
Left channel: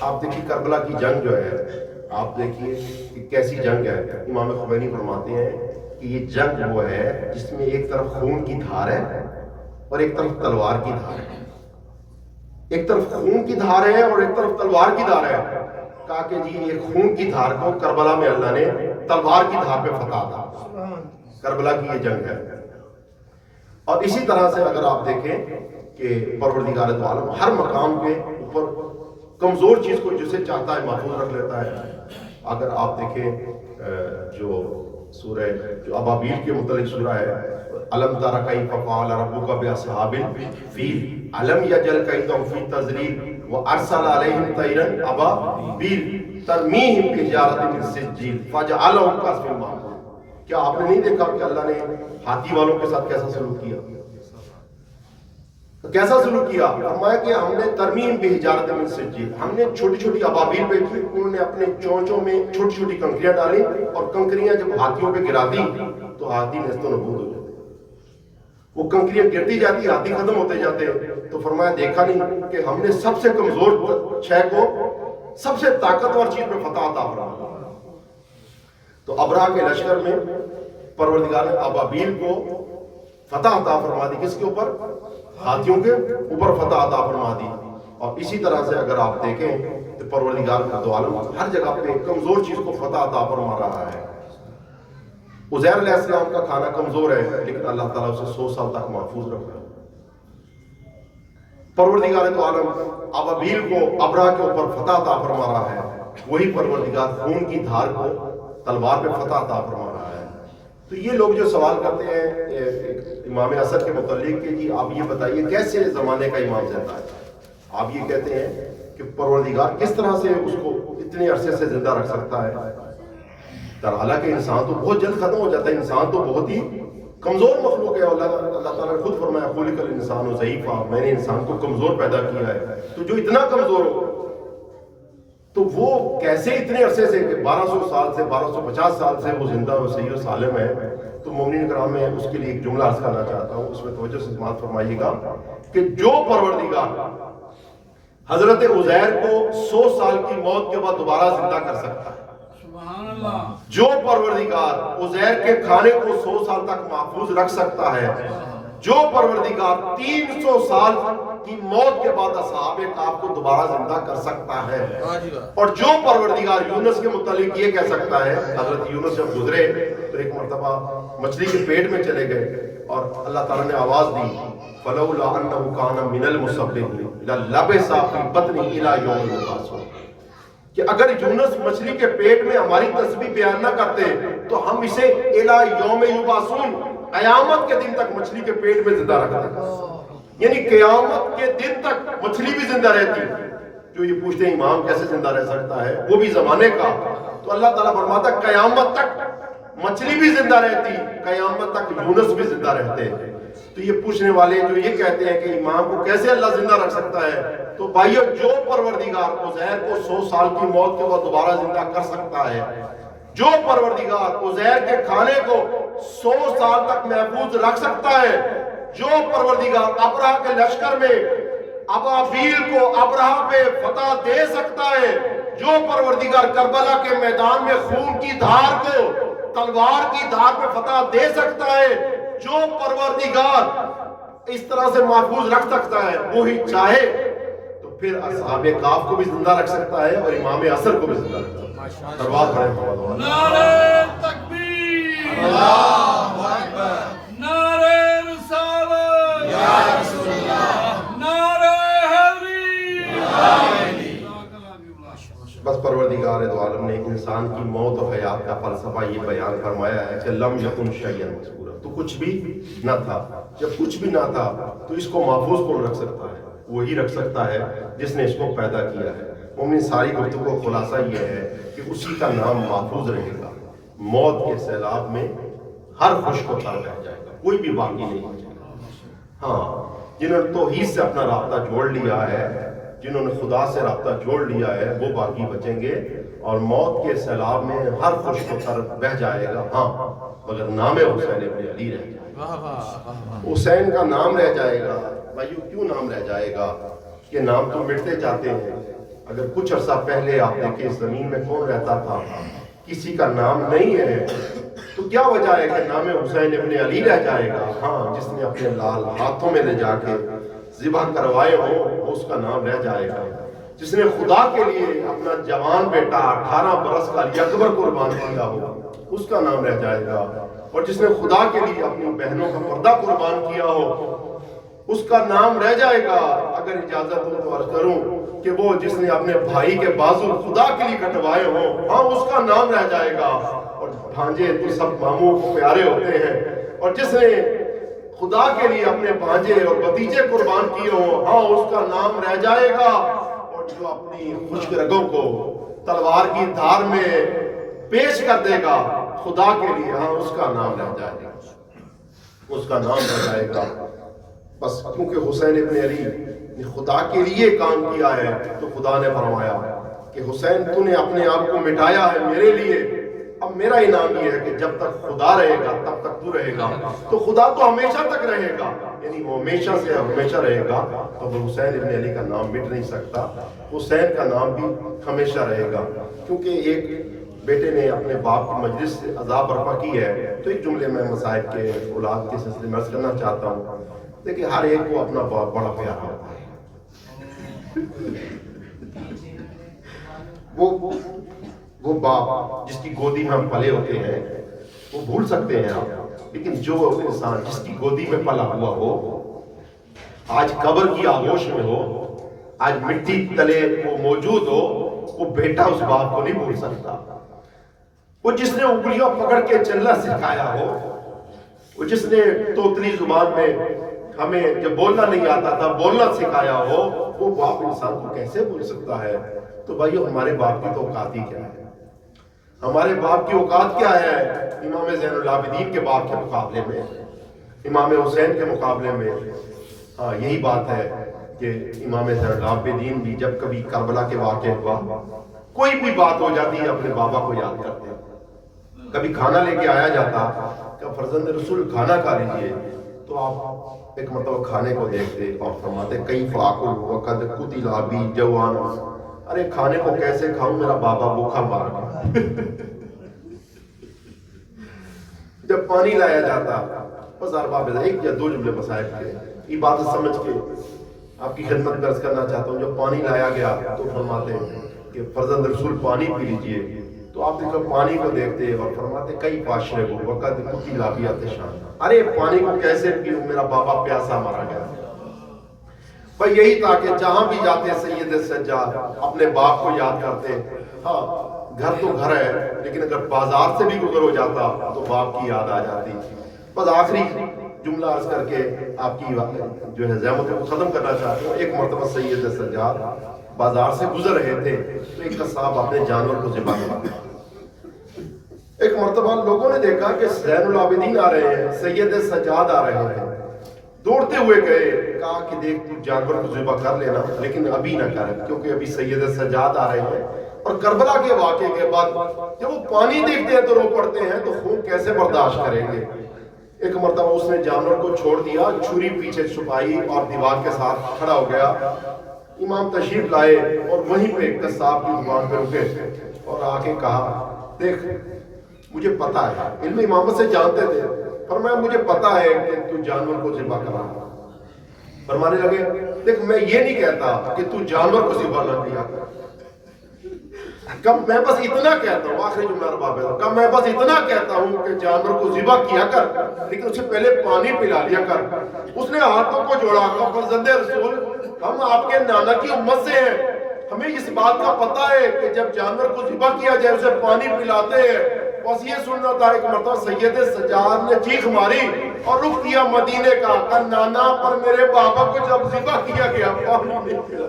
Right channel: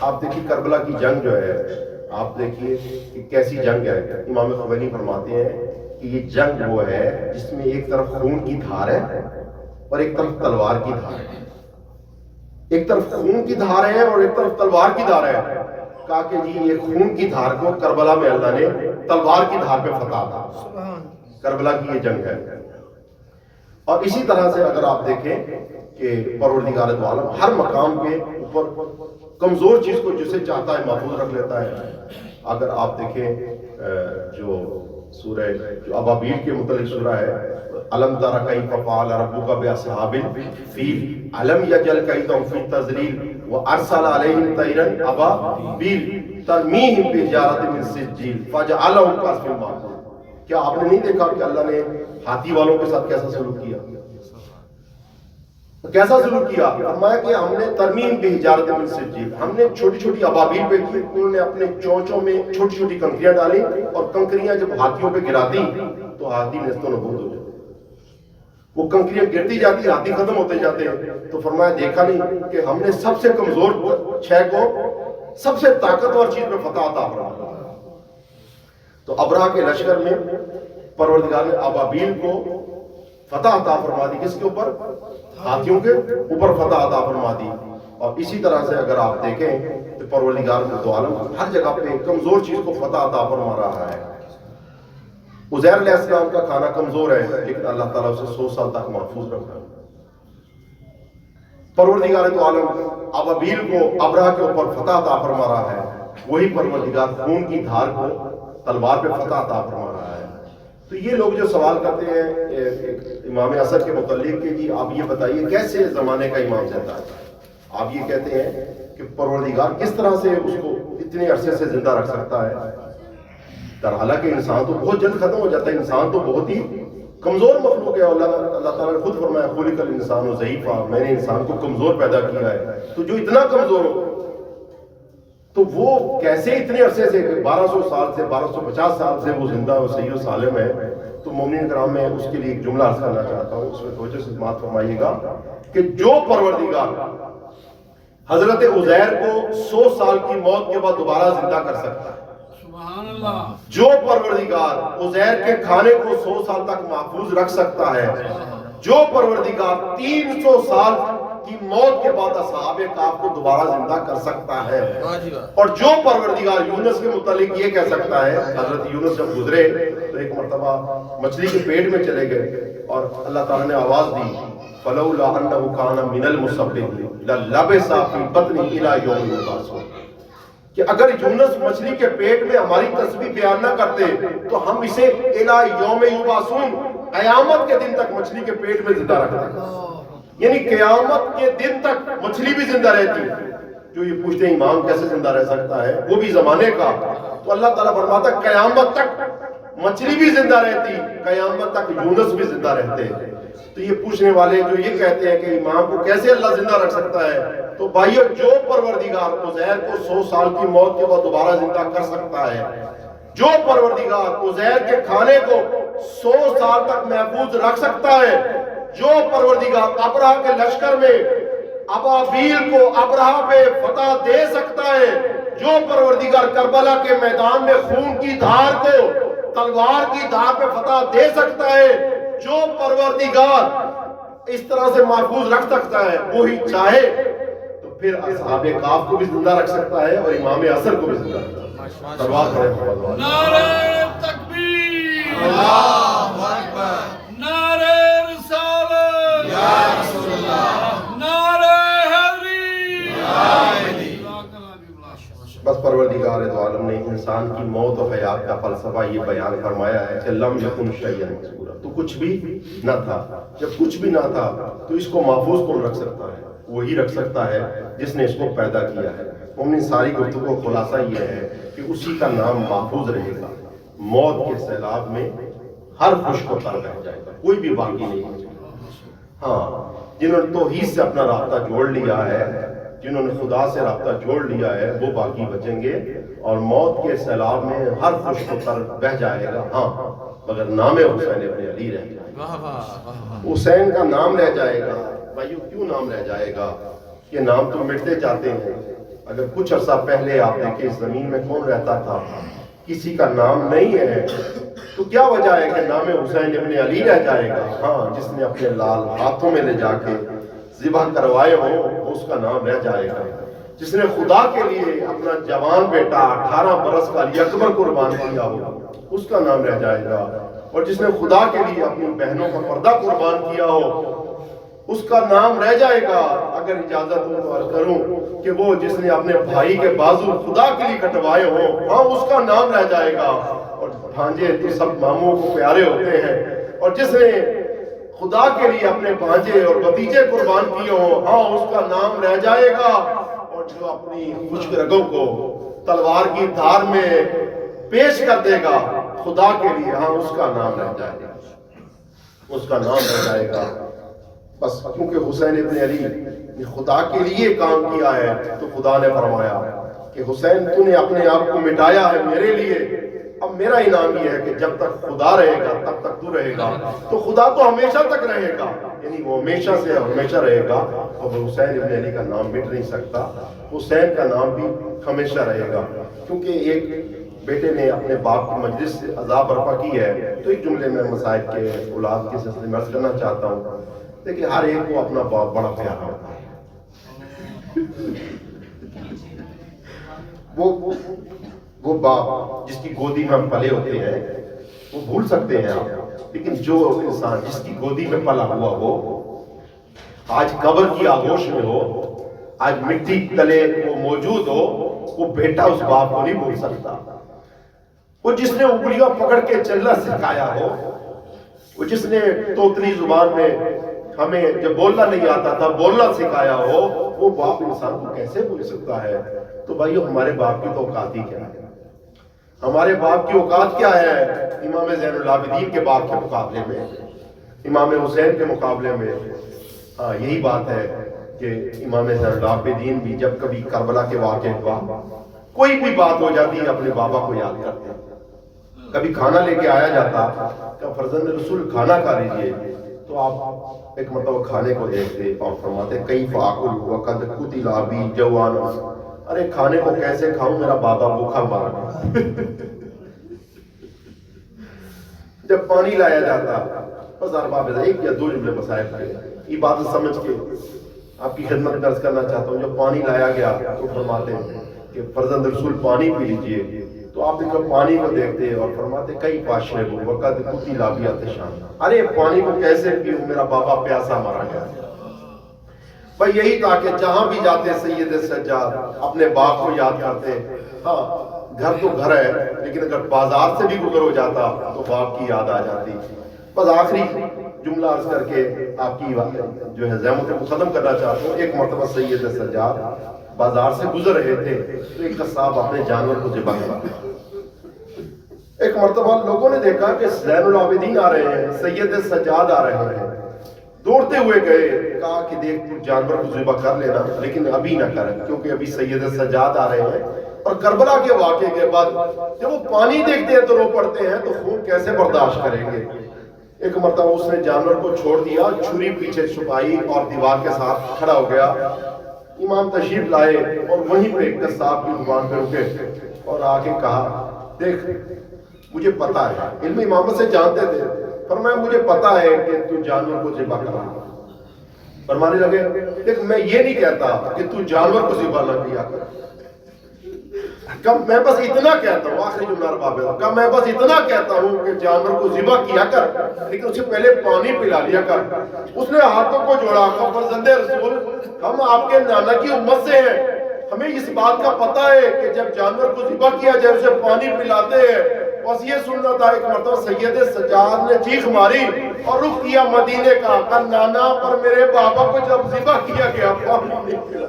آپ دیکھیے کربلا کی جنگ جو ہے، آپ دیکھیے کہ کیسی جنگ ہے. امام خمینی فرماتے ہیں کہ یہ جنگ وہ ہے جس میں ایک طرف خون کی دھار ہے اور ایک طرف تلوار کی دھار ہے. ایک طرف خون کی دھار ہے اور ایک طرف تلوار کی دھار ہے. کہا کہ جی یہ خون کی دھار کو کربلا میں اللہ نے تلوار کی دھار پہ فتح تھا. کربلا کی یہ جنگ ہے. اور اسی طرح سے اگر آپ دیکھیں کہ پروردگار دو عالم ہر مقام کے اوپر کمزور چیز کو جسے چاہتا ہے محفوظ رکھ لیتا ہے. اگر آپ دیکھیں جو سورہ جو ابابیل کے متعلق سورہ ہے، الم تر کیف فعل ربک باصحاب الفیل الم یجعل کیدہم فی تضلیل وارسل علیہم طیرا ابابیل ترمیہم بحجارۃ من سجیل فجعلہم کعصف مأکول. کیا آپ نے نہیں دیکھا کہ اللہ نے ہاتھی والوں کے ساتھ کیسا سلوک کیا؟ کیسا سلوک کیا؟ فرمایا کہ ہم نے ترمیم بحجارۃ من سجیل، ہم نے چھوٹی چھوٹی ابابیل پہ کی، انہوں نے اپنے چونچوں میں چھوٹی چھوٹی کنکریاں ڈالی اور کنکریاں جب ہاتھیوں پہ گرا دی تو ہاتھی نیست و نابود ہو جاتے. وہ کنکریاں گرتی جاتی، ہاتھی ختم ہوتے جاتے. تو فرمایا دیکھا نہیں کہ ہم نے سب سے کمزور شے کو سب سے طاقتور چیز پہ فتح عطا فرمایا. تو ابرہہ کے لشکر میں پروردگار نے ابابیل کو فتح عطا فرما دی. کس کے اوپر؟ ہاتھیوں کے اوپر فتح عطا فرما دی. اور اسی طرح سے اگر آپ دیکھیں تو پروردگار دو عالم ہر جگہ پہ کمزور چیز کو فتح عطا فرما رہا ہے. عزیر علیہ السلام کا کھانا کمزور ہے لیکن اللہ تعالیٰ اسے 100 سال تک محفوظ رکھا. پروردگار دو عالم ابابیل کو ابرہہ کے اوپر فتح عطا فرما رہا ہے. وہی پروردگار خون کی دھار کو تلوار پہ فتح عطا فرما رہا ہے. تو یہ لوگ جو سوال کرتے ہیں امام اصغر کے متعلق کہ جی آپ یہ بتائیے کیسے زمانے کا امام زندہ ہے؟ آپ یہ کہتے ہیں کہ پروردگار کس طرح سے اس کو اتنے عرصے سے زندہ رکھ سکتا ہے؟ در حالانکہ انسان تو بہت جلد ختم ہو جاتا ہے، انسان تو بہت ہی کمزور مخلوق ہے. اللہ تعالیٰ نے خود فرمایا خلق الانسان ضعیفا، میں نے انسان کو کمزور پیدا کیا ہے. تو جو اتنا کمزور ہو تو وہ کیسے اتنے عرصے سے کہ 1200 سال سے 1250 سال سے وہ زندہ و صحیح و سالم ہے. تو مومنین کرام میں اس کے لیے ایک جملہ عرض کرنا چاہتا ہوں، اس میں توجہ سے سماعت فرمائیے گا کہ جو پروردگار حضرت عزیر کو 100 سال کی موت کے بعد دوبارہ زندہ کر سکتا ہے، سبحان اللہ. جو پروردگار عزیر کے کھانے کو 100 سال تک محفوظ رکھ سکتا ہے، جو پروردگار 300 سال کی موت کے بعد اصحاب کہف کو دوبارہ زندہ کر سکتا ہے، اور جو پروردگار یونس کے متعلق یہ کہہ سکتا ہے، حضرت یونس جب گزرے تو ایک مرتبہ مچھلی کے پیٹ میں چلے گئے اور اللہ تعالیٰ نے آواز دی فَلَوْلَا أَنَّهُ كَانَ مِنَ الْمُصَبِّحِينَ لَلَبِثَ فِي بَطْنِهِ إِلَىٰ يَوْمِ يُبْعَثُونَ، کہ اگر یونس مچھلی کے پیٹ میں ہماری تسبیح بیان نہ کرتے تو ہم اسے إِلَىٰ يَوْمِ يُبْعَثُونَ قیامت کے دن تک مچھلی کے پیٹ میں زندہ رکھ دیں. یعنی قیامت کے دن تک مچھلی بھی زندہ رہتی ہے. جو یہ پوچھتے ہیں امام کیسے زندہ رہ سکتا ہے، وہ بھی زمانے کا، تو اللہ تعالیٰ فرماتا ہے قیامت تک مچھلی بھی زندہ رہتی، قیامت تک یونس بھی زندہ رہتے ہیں. تو یہ پوچھنے والے جو یہ کہتے ہیں کہ امام کو کیسے اللہ زندہ رکھ سکتا ہے، تو بھائیو جو پروردگار عزیر کو 100 سال کی موت کے بعد دوبارہ زندہ کر سکتا ہے، جو پروردگار عزیر کے کھانے کو 100 سال تک محفوظ رکھ سکتا ہے، جو پروردگار ابرہہ کے لشکر میں ابابیل کو ابرہہ پہ فتح دے سکتا ہے، جو پروردگار کربلا کے میدان میں خون کی دھار کو تلوار کی دھار پہ فتح دے سکتا ہے، جو پروردگار اس طرح سے محفوظ رکھ سکتا ہے، وہی چاہے تو پھر اصحاب کہف کو بھی زندہ رکھ سکتا ہے اور امام عصر کو بھی زندہ رکھ سکتا ہے. دربار پڑھیں. نعرہ تکبیر. اللہ اکبر. نعرہ رسالت. یا رسول اللہ. نعرہ حیدری. بس پروردگار دو عالم نے انسان کی موت و حیات کا فلسفہ یہ بیان فرمایا ہے کہ لم یکن شیئا مذکورا، تو کچھ بھی نہ تھا. جب کچھ بھی نہ تھا تو اس کو محفوظ کون رکھ سکتا ہے؟ وہی رکھ سکتا ہے جس نے اس کو پیدا کیا ہے. مومن ساری گفتگو کا خلاصہ یہ ہے کہ اسی کا نام محفوظ رہے گا. موت کے سیلاب میں ہر خوش کو تر رہ جائے گا، کوئی بھی باقی نہیں ہو جائے گا. ہاں، جنہوں نے توحید سے اپنا رابطہ جوڑ لیا ہے، جنہوں نے خدا سے رابطہ جوڑ لیا ہے، وہ باقی بچیں گے، اور موت کے سیلاب میں ہر خوش کو تر رہ جائے گا. ہاں، مگر نام حسین ابن علی رہ جائے گا. حسین کا نام رہ جائے گا. بھائیو کیوں نام رہ جائے گا؟ یہ نام تو مٹتے جاتے ہیں. اگر کچھ عرصہ پہلے آپ دیکھیں اس زمین میں کون رہتا تھا، کسی کا نام نہیں ہے، تو کیا وجہ ہے کہ نام حسین ابن علی رہ جائے گا؟ ہاں، جس نے اپنے لال ہاتھوں میں لے جا کے ذبح کروائے ہوں اس کا نام رہ جائے گا. جس نے خدا کے لیے اپنا جوان بیٹا 18 برس کا علی اکبر قربان کیا ہو اس کا نام رہ جائے گا. اور جس نے خدا کے لیے اپنی بہنوں کا پردہ قربان کیا ہو اس کا نام رہ جائے گا. اگر اجازت ہو تو عرض کروں کہ وہ جس نے اپنے بھائی کے بازو خدا کے لیے کٹوائے ہوں، ہاں اس کا نام رہ جائے گا. اور بھانجے تو سب ماموں کو پیارے ہوتے ہیں، اور جس نے خدا کے لیے اپنے بھانجے اور بھتیجے قربان کیے ہوں، ہاں اس کا نام رہ جائے گا. اور جو اپنی خشک رگوں کو تلوار کی دھار میں پیش کر دے گا خدا کے لیے، ہاں اس کا نام رہ جائے گا، اس کا نام رہ جائے گا. بس کیونکہ حسین ابن علی نے خدا کے لیے کام کیا ہے تو خدا نے فرمایا کہ حسین تو نے اپنے آپ کو مٹایا ہے میرے لیے، اب میرا انعام یہ ہے کہ جب تک خدا رہے گا تب تک تو رہے گا. تو خدا تو ہمیشہ تک رہے گا، یعنی وہ ہمیشہ سے ہمیشہ رہے گا. اب حسین ابن علی کا نام مٹ نہیں سکتا، حسین کا نام بھی ہمیشہ رہے گا. کیونکہ ایک بیٹے نے اپنے باپ کی مجلس سے عذاب برپا کی ہے، تو ایک جملے میں مصائب کے اولاد کے سلسلے میں عرض کرنا چاہتا ہوں. دیکھیں ہر ایک کو اپنا باپ بڑا پیارا ہوتا ہے. وہ باپ جس کی گودی میں ہم پلے ہوتے ہیں وہ بھول سکتے ہیں آپ، لیکن جو انسان جس کی گودی میں پلا ہوا ہو، آج قبر کی آغوش میں ہو، آج مٹی تلے وہ موجود ہو، وہ بیٹا اس باپ کو نہیں بھول سکتا. وہ جس نے انگلیاں پکڑ کے چلنا سکھایا ہو، وہ جس نے توتلی زبان میں ہمیں جب بولنا نہیں آتا تھا بولنا سکھایا ہو، وہ باپ انسان کو کیسے بھول سکتا ہے؟ تو بھائیو ہمارے باپ کی تو اوقات ہی کیا ہے؟ ہمارے باپ کی اوقات کیا ہے امام زین العابدین کے باپ کے مقابلے میں؟ امام حسین کے مقابلے میں ہاں یہی بات ہے کہ امام زین العابدین بھی جب کبھی کربلا کے واقعے کے بعد کوئی بھی بات ہو جاتی ہے اپنے بابا کو یاد کرتے ہیں. کبھی کھانا لے کے آیا جاتا کہ فرزند رسول کھانا کھا لیجیے تو آپ ایک مرتبہ کھانے کو دیکھتے اور فرماتے کئی فاقل وقد قتل ابی جوان، ارے کھانے کو کیسے کھاؤں میرا بابا بھوکا مار گیا. جب پانی لایا جاتا بس ارباب ایک یا دو جملے مسائل تھے یہ بات سمجھ کے آپ کی خدمت میں عرض کرنا چاہتا ہوں. جب پانی لایا گیا تو فرماتے کہ فرزند رسول پانی پی لیجئے تو آپ دیکھو پانی کو دیکھتے اور فرماتے کئی پاشرے کو وقت کتی لابیات شان، ارے پانی کو کیسے پیوں میرا بابا پیاسا مارا گیا. بھائی یہی تھا کہ جہاں بھی جاتے سید سجاد اپنے باپ کو یاد کرتے. ہاں گھر تو گھر ہے لیکن اگر بازار سے بھی گزر ہو جاتا تو باپ کی یاد آ جاتی. بس آخری جملہ عرض کر کے آپ کی جو ہے زحمت کو ختم کرنا چاہتا ہوں. ایک مرتبہ سید سجاد بازار سے گزر رہے تھے تو ایک قصاب اپنے جانور کو ذبح کرا. ایک مرتبہ لوگوں نے دیکھا کہ زین العابدین آ رہے ہیں، سید سجاد آ رہے ہیں، دوڑتے ہوئے گئے، کہا کہ دیکھ تو جانور کو ذبح کر لینا لیکن ابھی نہ کر کیونکہ ابھی سید سجاد آ رہے ہیں. اور کربلا کے واقعے کے بعد جب وہ پانی دیکھتے ہیں تو رو پڑتے ہیں تو خون کیسے برداشت کریں گے. ایک مرتبہ اس نے جانور کو چھوڑ دیا، چھری پیچھے چھپائی اور دیوار کے ساتھ کھڑا ہو گیا. امام تشریف لائے اور وہیں پہ قصاب کی دکان پہ رکے اور آ کے کہا دیکھ مجھے پتا ہے، علم امامت سے جانتے تھے، فرمایا مجھے پتا ہے کہ تو جانور کو ذبح کرا. فرمانے لگے دیکھ میں یہ نہیں کہتا کہ تو جانور کو ذبح نہ کیا کر، میں بس اتنا کہتا ہوں، آخری جملہ رباب ہے، میں بس اتنا کہتا ہوں کہ جانور کو ذبح کیا کر لیکن اسے پہلے پانی پلا لیا کر. اس نے ہاتھوں کو جوڑا، کہا فرزند رسول ہم آپ کے نانا کی امت سے ہیں، ہمیں اس بات کا پتا ہے کہ جب جانور کو ذبح کیا جائے اسے پانی پلاتے ہیں. بس یہ سننا تھا. ایک مرتبہ سید سجاد نے چیخ ماری اور رخ کیا مدینے کا، کہ نانا پر میرے بابا کو جب ذبح کیا گیا پانی نہیں پلا.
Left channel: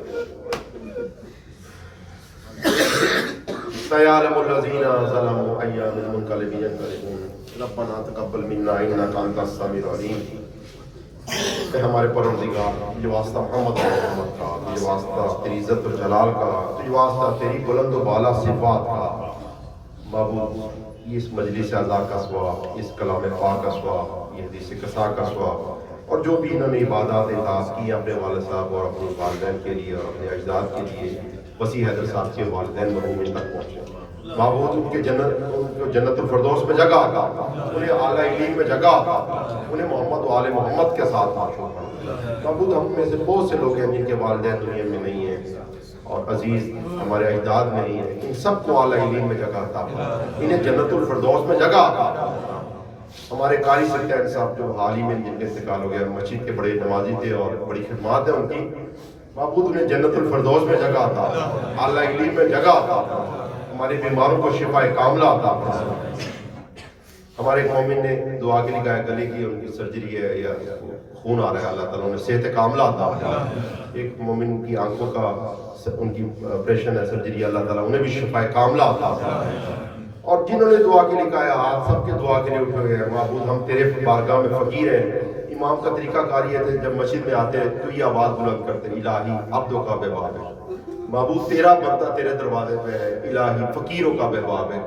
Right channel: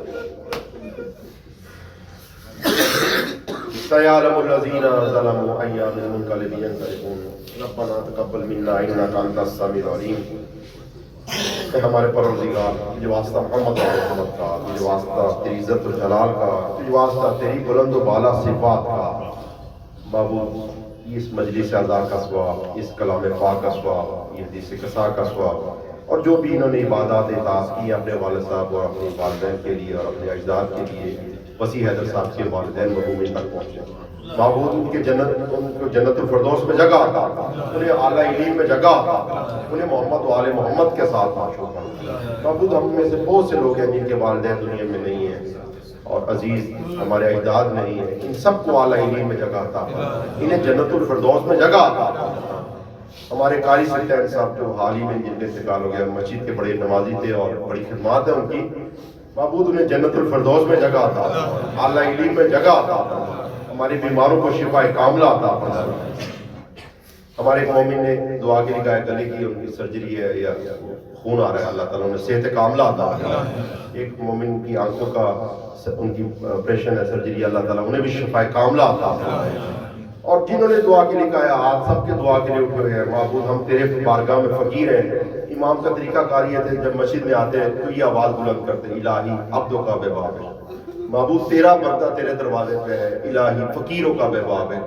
سيعلم الذين ظلموا أي منقلب ينقلبون ربنا تقبل منا إنك أنت السميع العليم. کہ ہمارے پروردگار تجھے واسطہ محمد کا، تجھے واسطہ تیری عزت و جلال کا، تجھے واسطہ تیری بلند و بالا صفات کا. معبود اس مجلس اعزا کا ثواب، اس کلام پاک کا ثواب، یہ حدیث قصا کا ثواب، اور جو بھی انہوں نے عبادات اطاعت کی اپنے والد صاحب اور اپنی والدین کے لیے اور اپنے اجداد کے لیے، وسیع حیدر صاحب کے والدین مرحومین تک پہنچے. معبود ان کے جنت الفردوس میں جگہ آتا، انہیں اعلیٰ علیم میں جگہ آتا، انہیں محمد و آل محمد کے ساتھ معشوق کرو. معبود ہم میں سے بہت سے لوگ ہیں جن کے والدین دنیا میں نہیں ہیں اور عزیز ہمارے اجداد نہیں ہیں، ان سب کو اعلیٰ علیم میں جگہ آتا، انہیں جنت الفردوس میں جگہ آتا. ہمارے قاری سلطان صاحب جو حال ہی میں جن کے انتقال ہو گیا، مسجد کے بڑے نمازی تھے اور بڑی خدمات ہیں ان کی، معبود انہیں جنت الفردوس میں جگہ آتا، اعلیٰ علیم میں جگہ آتا، ہمارے بیماروں کو شفا کاملہ عطا فرما. ہمارے ایک مومن نے دعا کے لیے کہا گلے کی ان کی سرجری ہے یا خون آ رہا ہے، اللہ تعالیٰ انہیں صحت کاملہ عطا فرما. ایک مومن کی آنکھوں کا ان کی آپریشن ہے، سرجری، اللہ تعالیٰ انہیں بھی شفا کاملہ عطا فرما. اور جنہوں نے دعا کے لیے کہا آپ سب کے دعا کے لیے اٹھ ہوئے ہیں. معبود ہم تیرے بارگاہ میں فقیر ہیں. امام کا طریقہ کاری ہے جب مسجد میں آتے ہیں تو یہ آواز بلند کرتے ہیں الہی عبدوں کا بے باب ہے. معبود تیرا بندہ تیرے دروازے پہ ہے، الہی فقیروں کا بے باب ہے.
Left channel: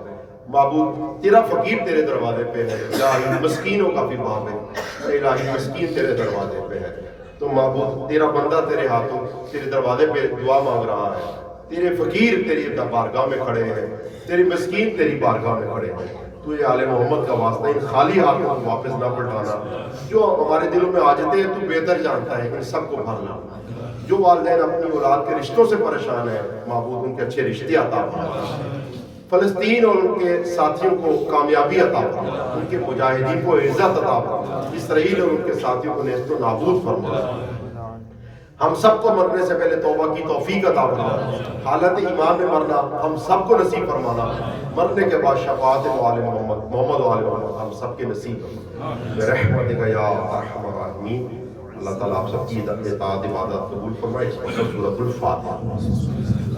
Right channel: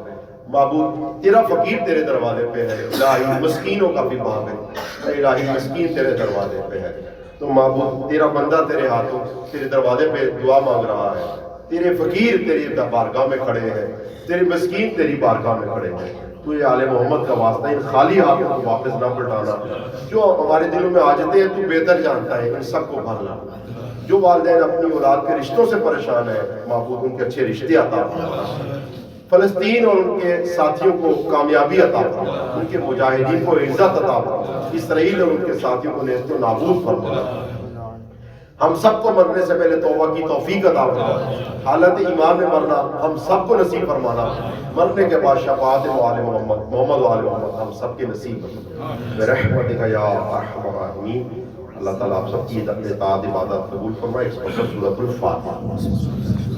معبود تیرا فقیر تیرے دروازے پہ ہے، الہی مسکینوں کا بھی باب ہے، الہی مسکین تیرے دروازے پہ ہے. تو معبود تیرا بندہ تیرے ہاتھوں تیرے دروازے پہ دعا مانگ رہا ہے، تیرے فقیر تیری بارگاہ میں کھڑے ہیں، تیرے مسکین تیری بارگاہ میں کھڑے ہیں. تو یہ آل محمد کا واسطہ ان خالی ہاتھوں کو واپس نہ پلٹانا. جو ہمارے دلوں میں آجتے ہیں تو بہتر جانتا ہے، ان سب کو بھرنا. جو والدین اپنی اولاد کے رشتوں سے پریشان ہیں، معبود ان کے اچھے رشتے عطا فرما. فلسطین اور ان کے ساتھیوں کو کامیابی عطا فرما، ان کے مجاہدین کو عزت عطا فرما، اسرائیل اور ان کے ساتھیوں کو نیست و نابود فرما. ہم سب کو مرنے سے پہلے توبہ کی توفیق عطا فرما. حالت ایمان میں مرنا ہم سب کو نصیب فرمانا. مرنے کے بعد شفاعت آل محمد، محمد و آل محمد ہم سب کے نصیب فرما برحمتک یا ارحم الراحمین. اللہ تعالیٰ آپ سب کی اطاعت عبادت قبول فرمائے. سورۃ الفاتحہ.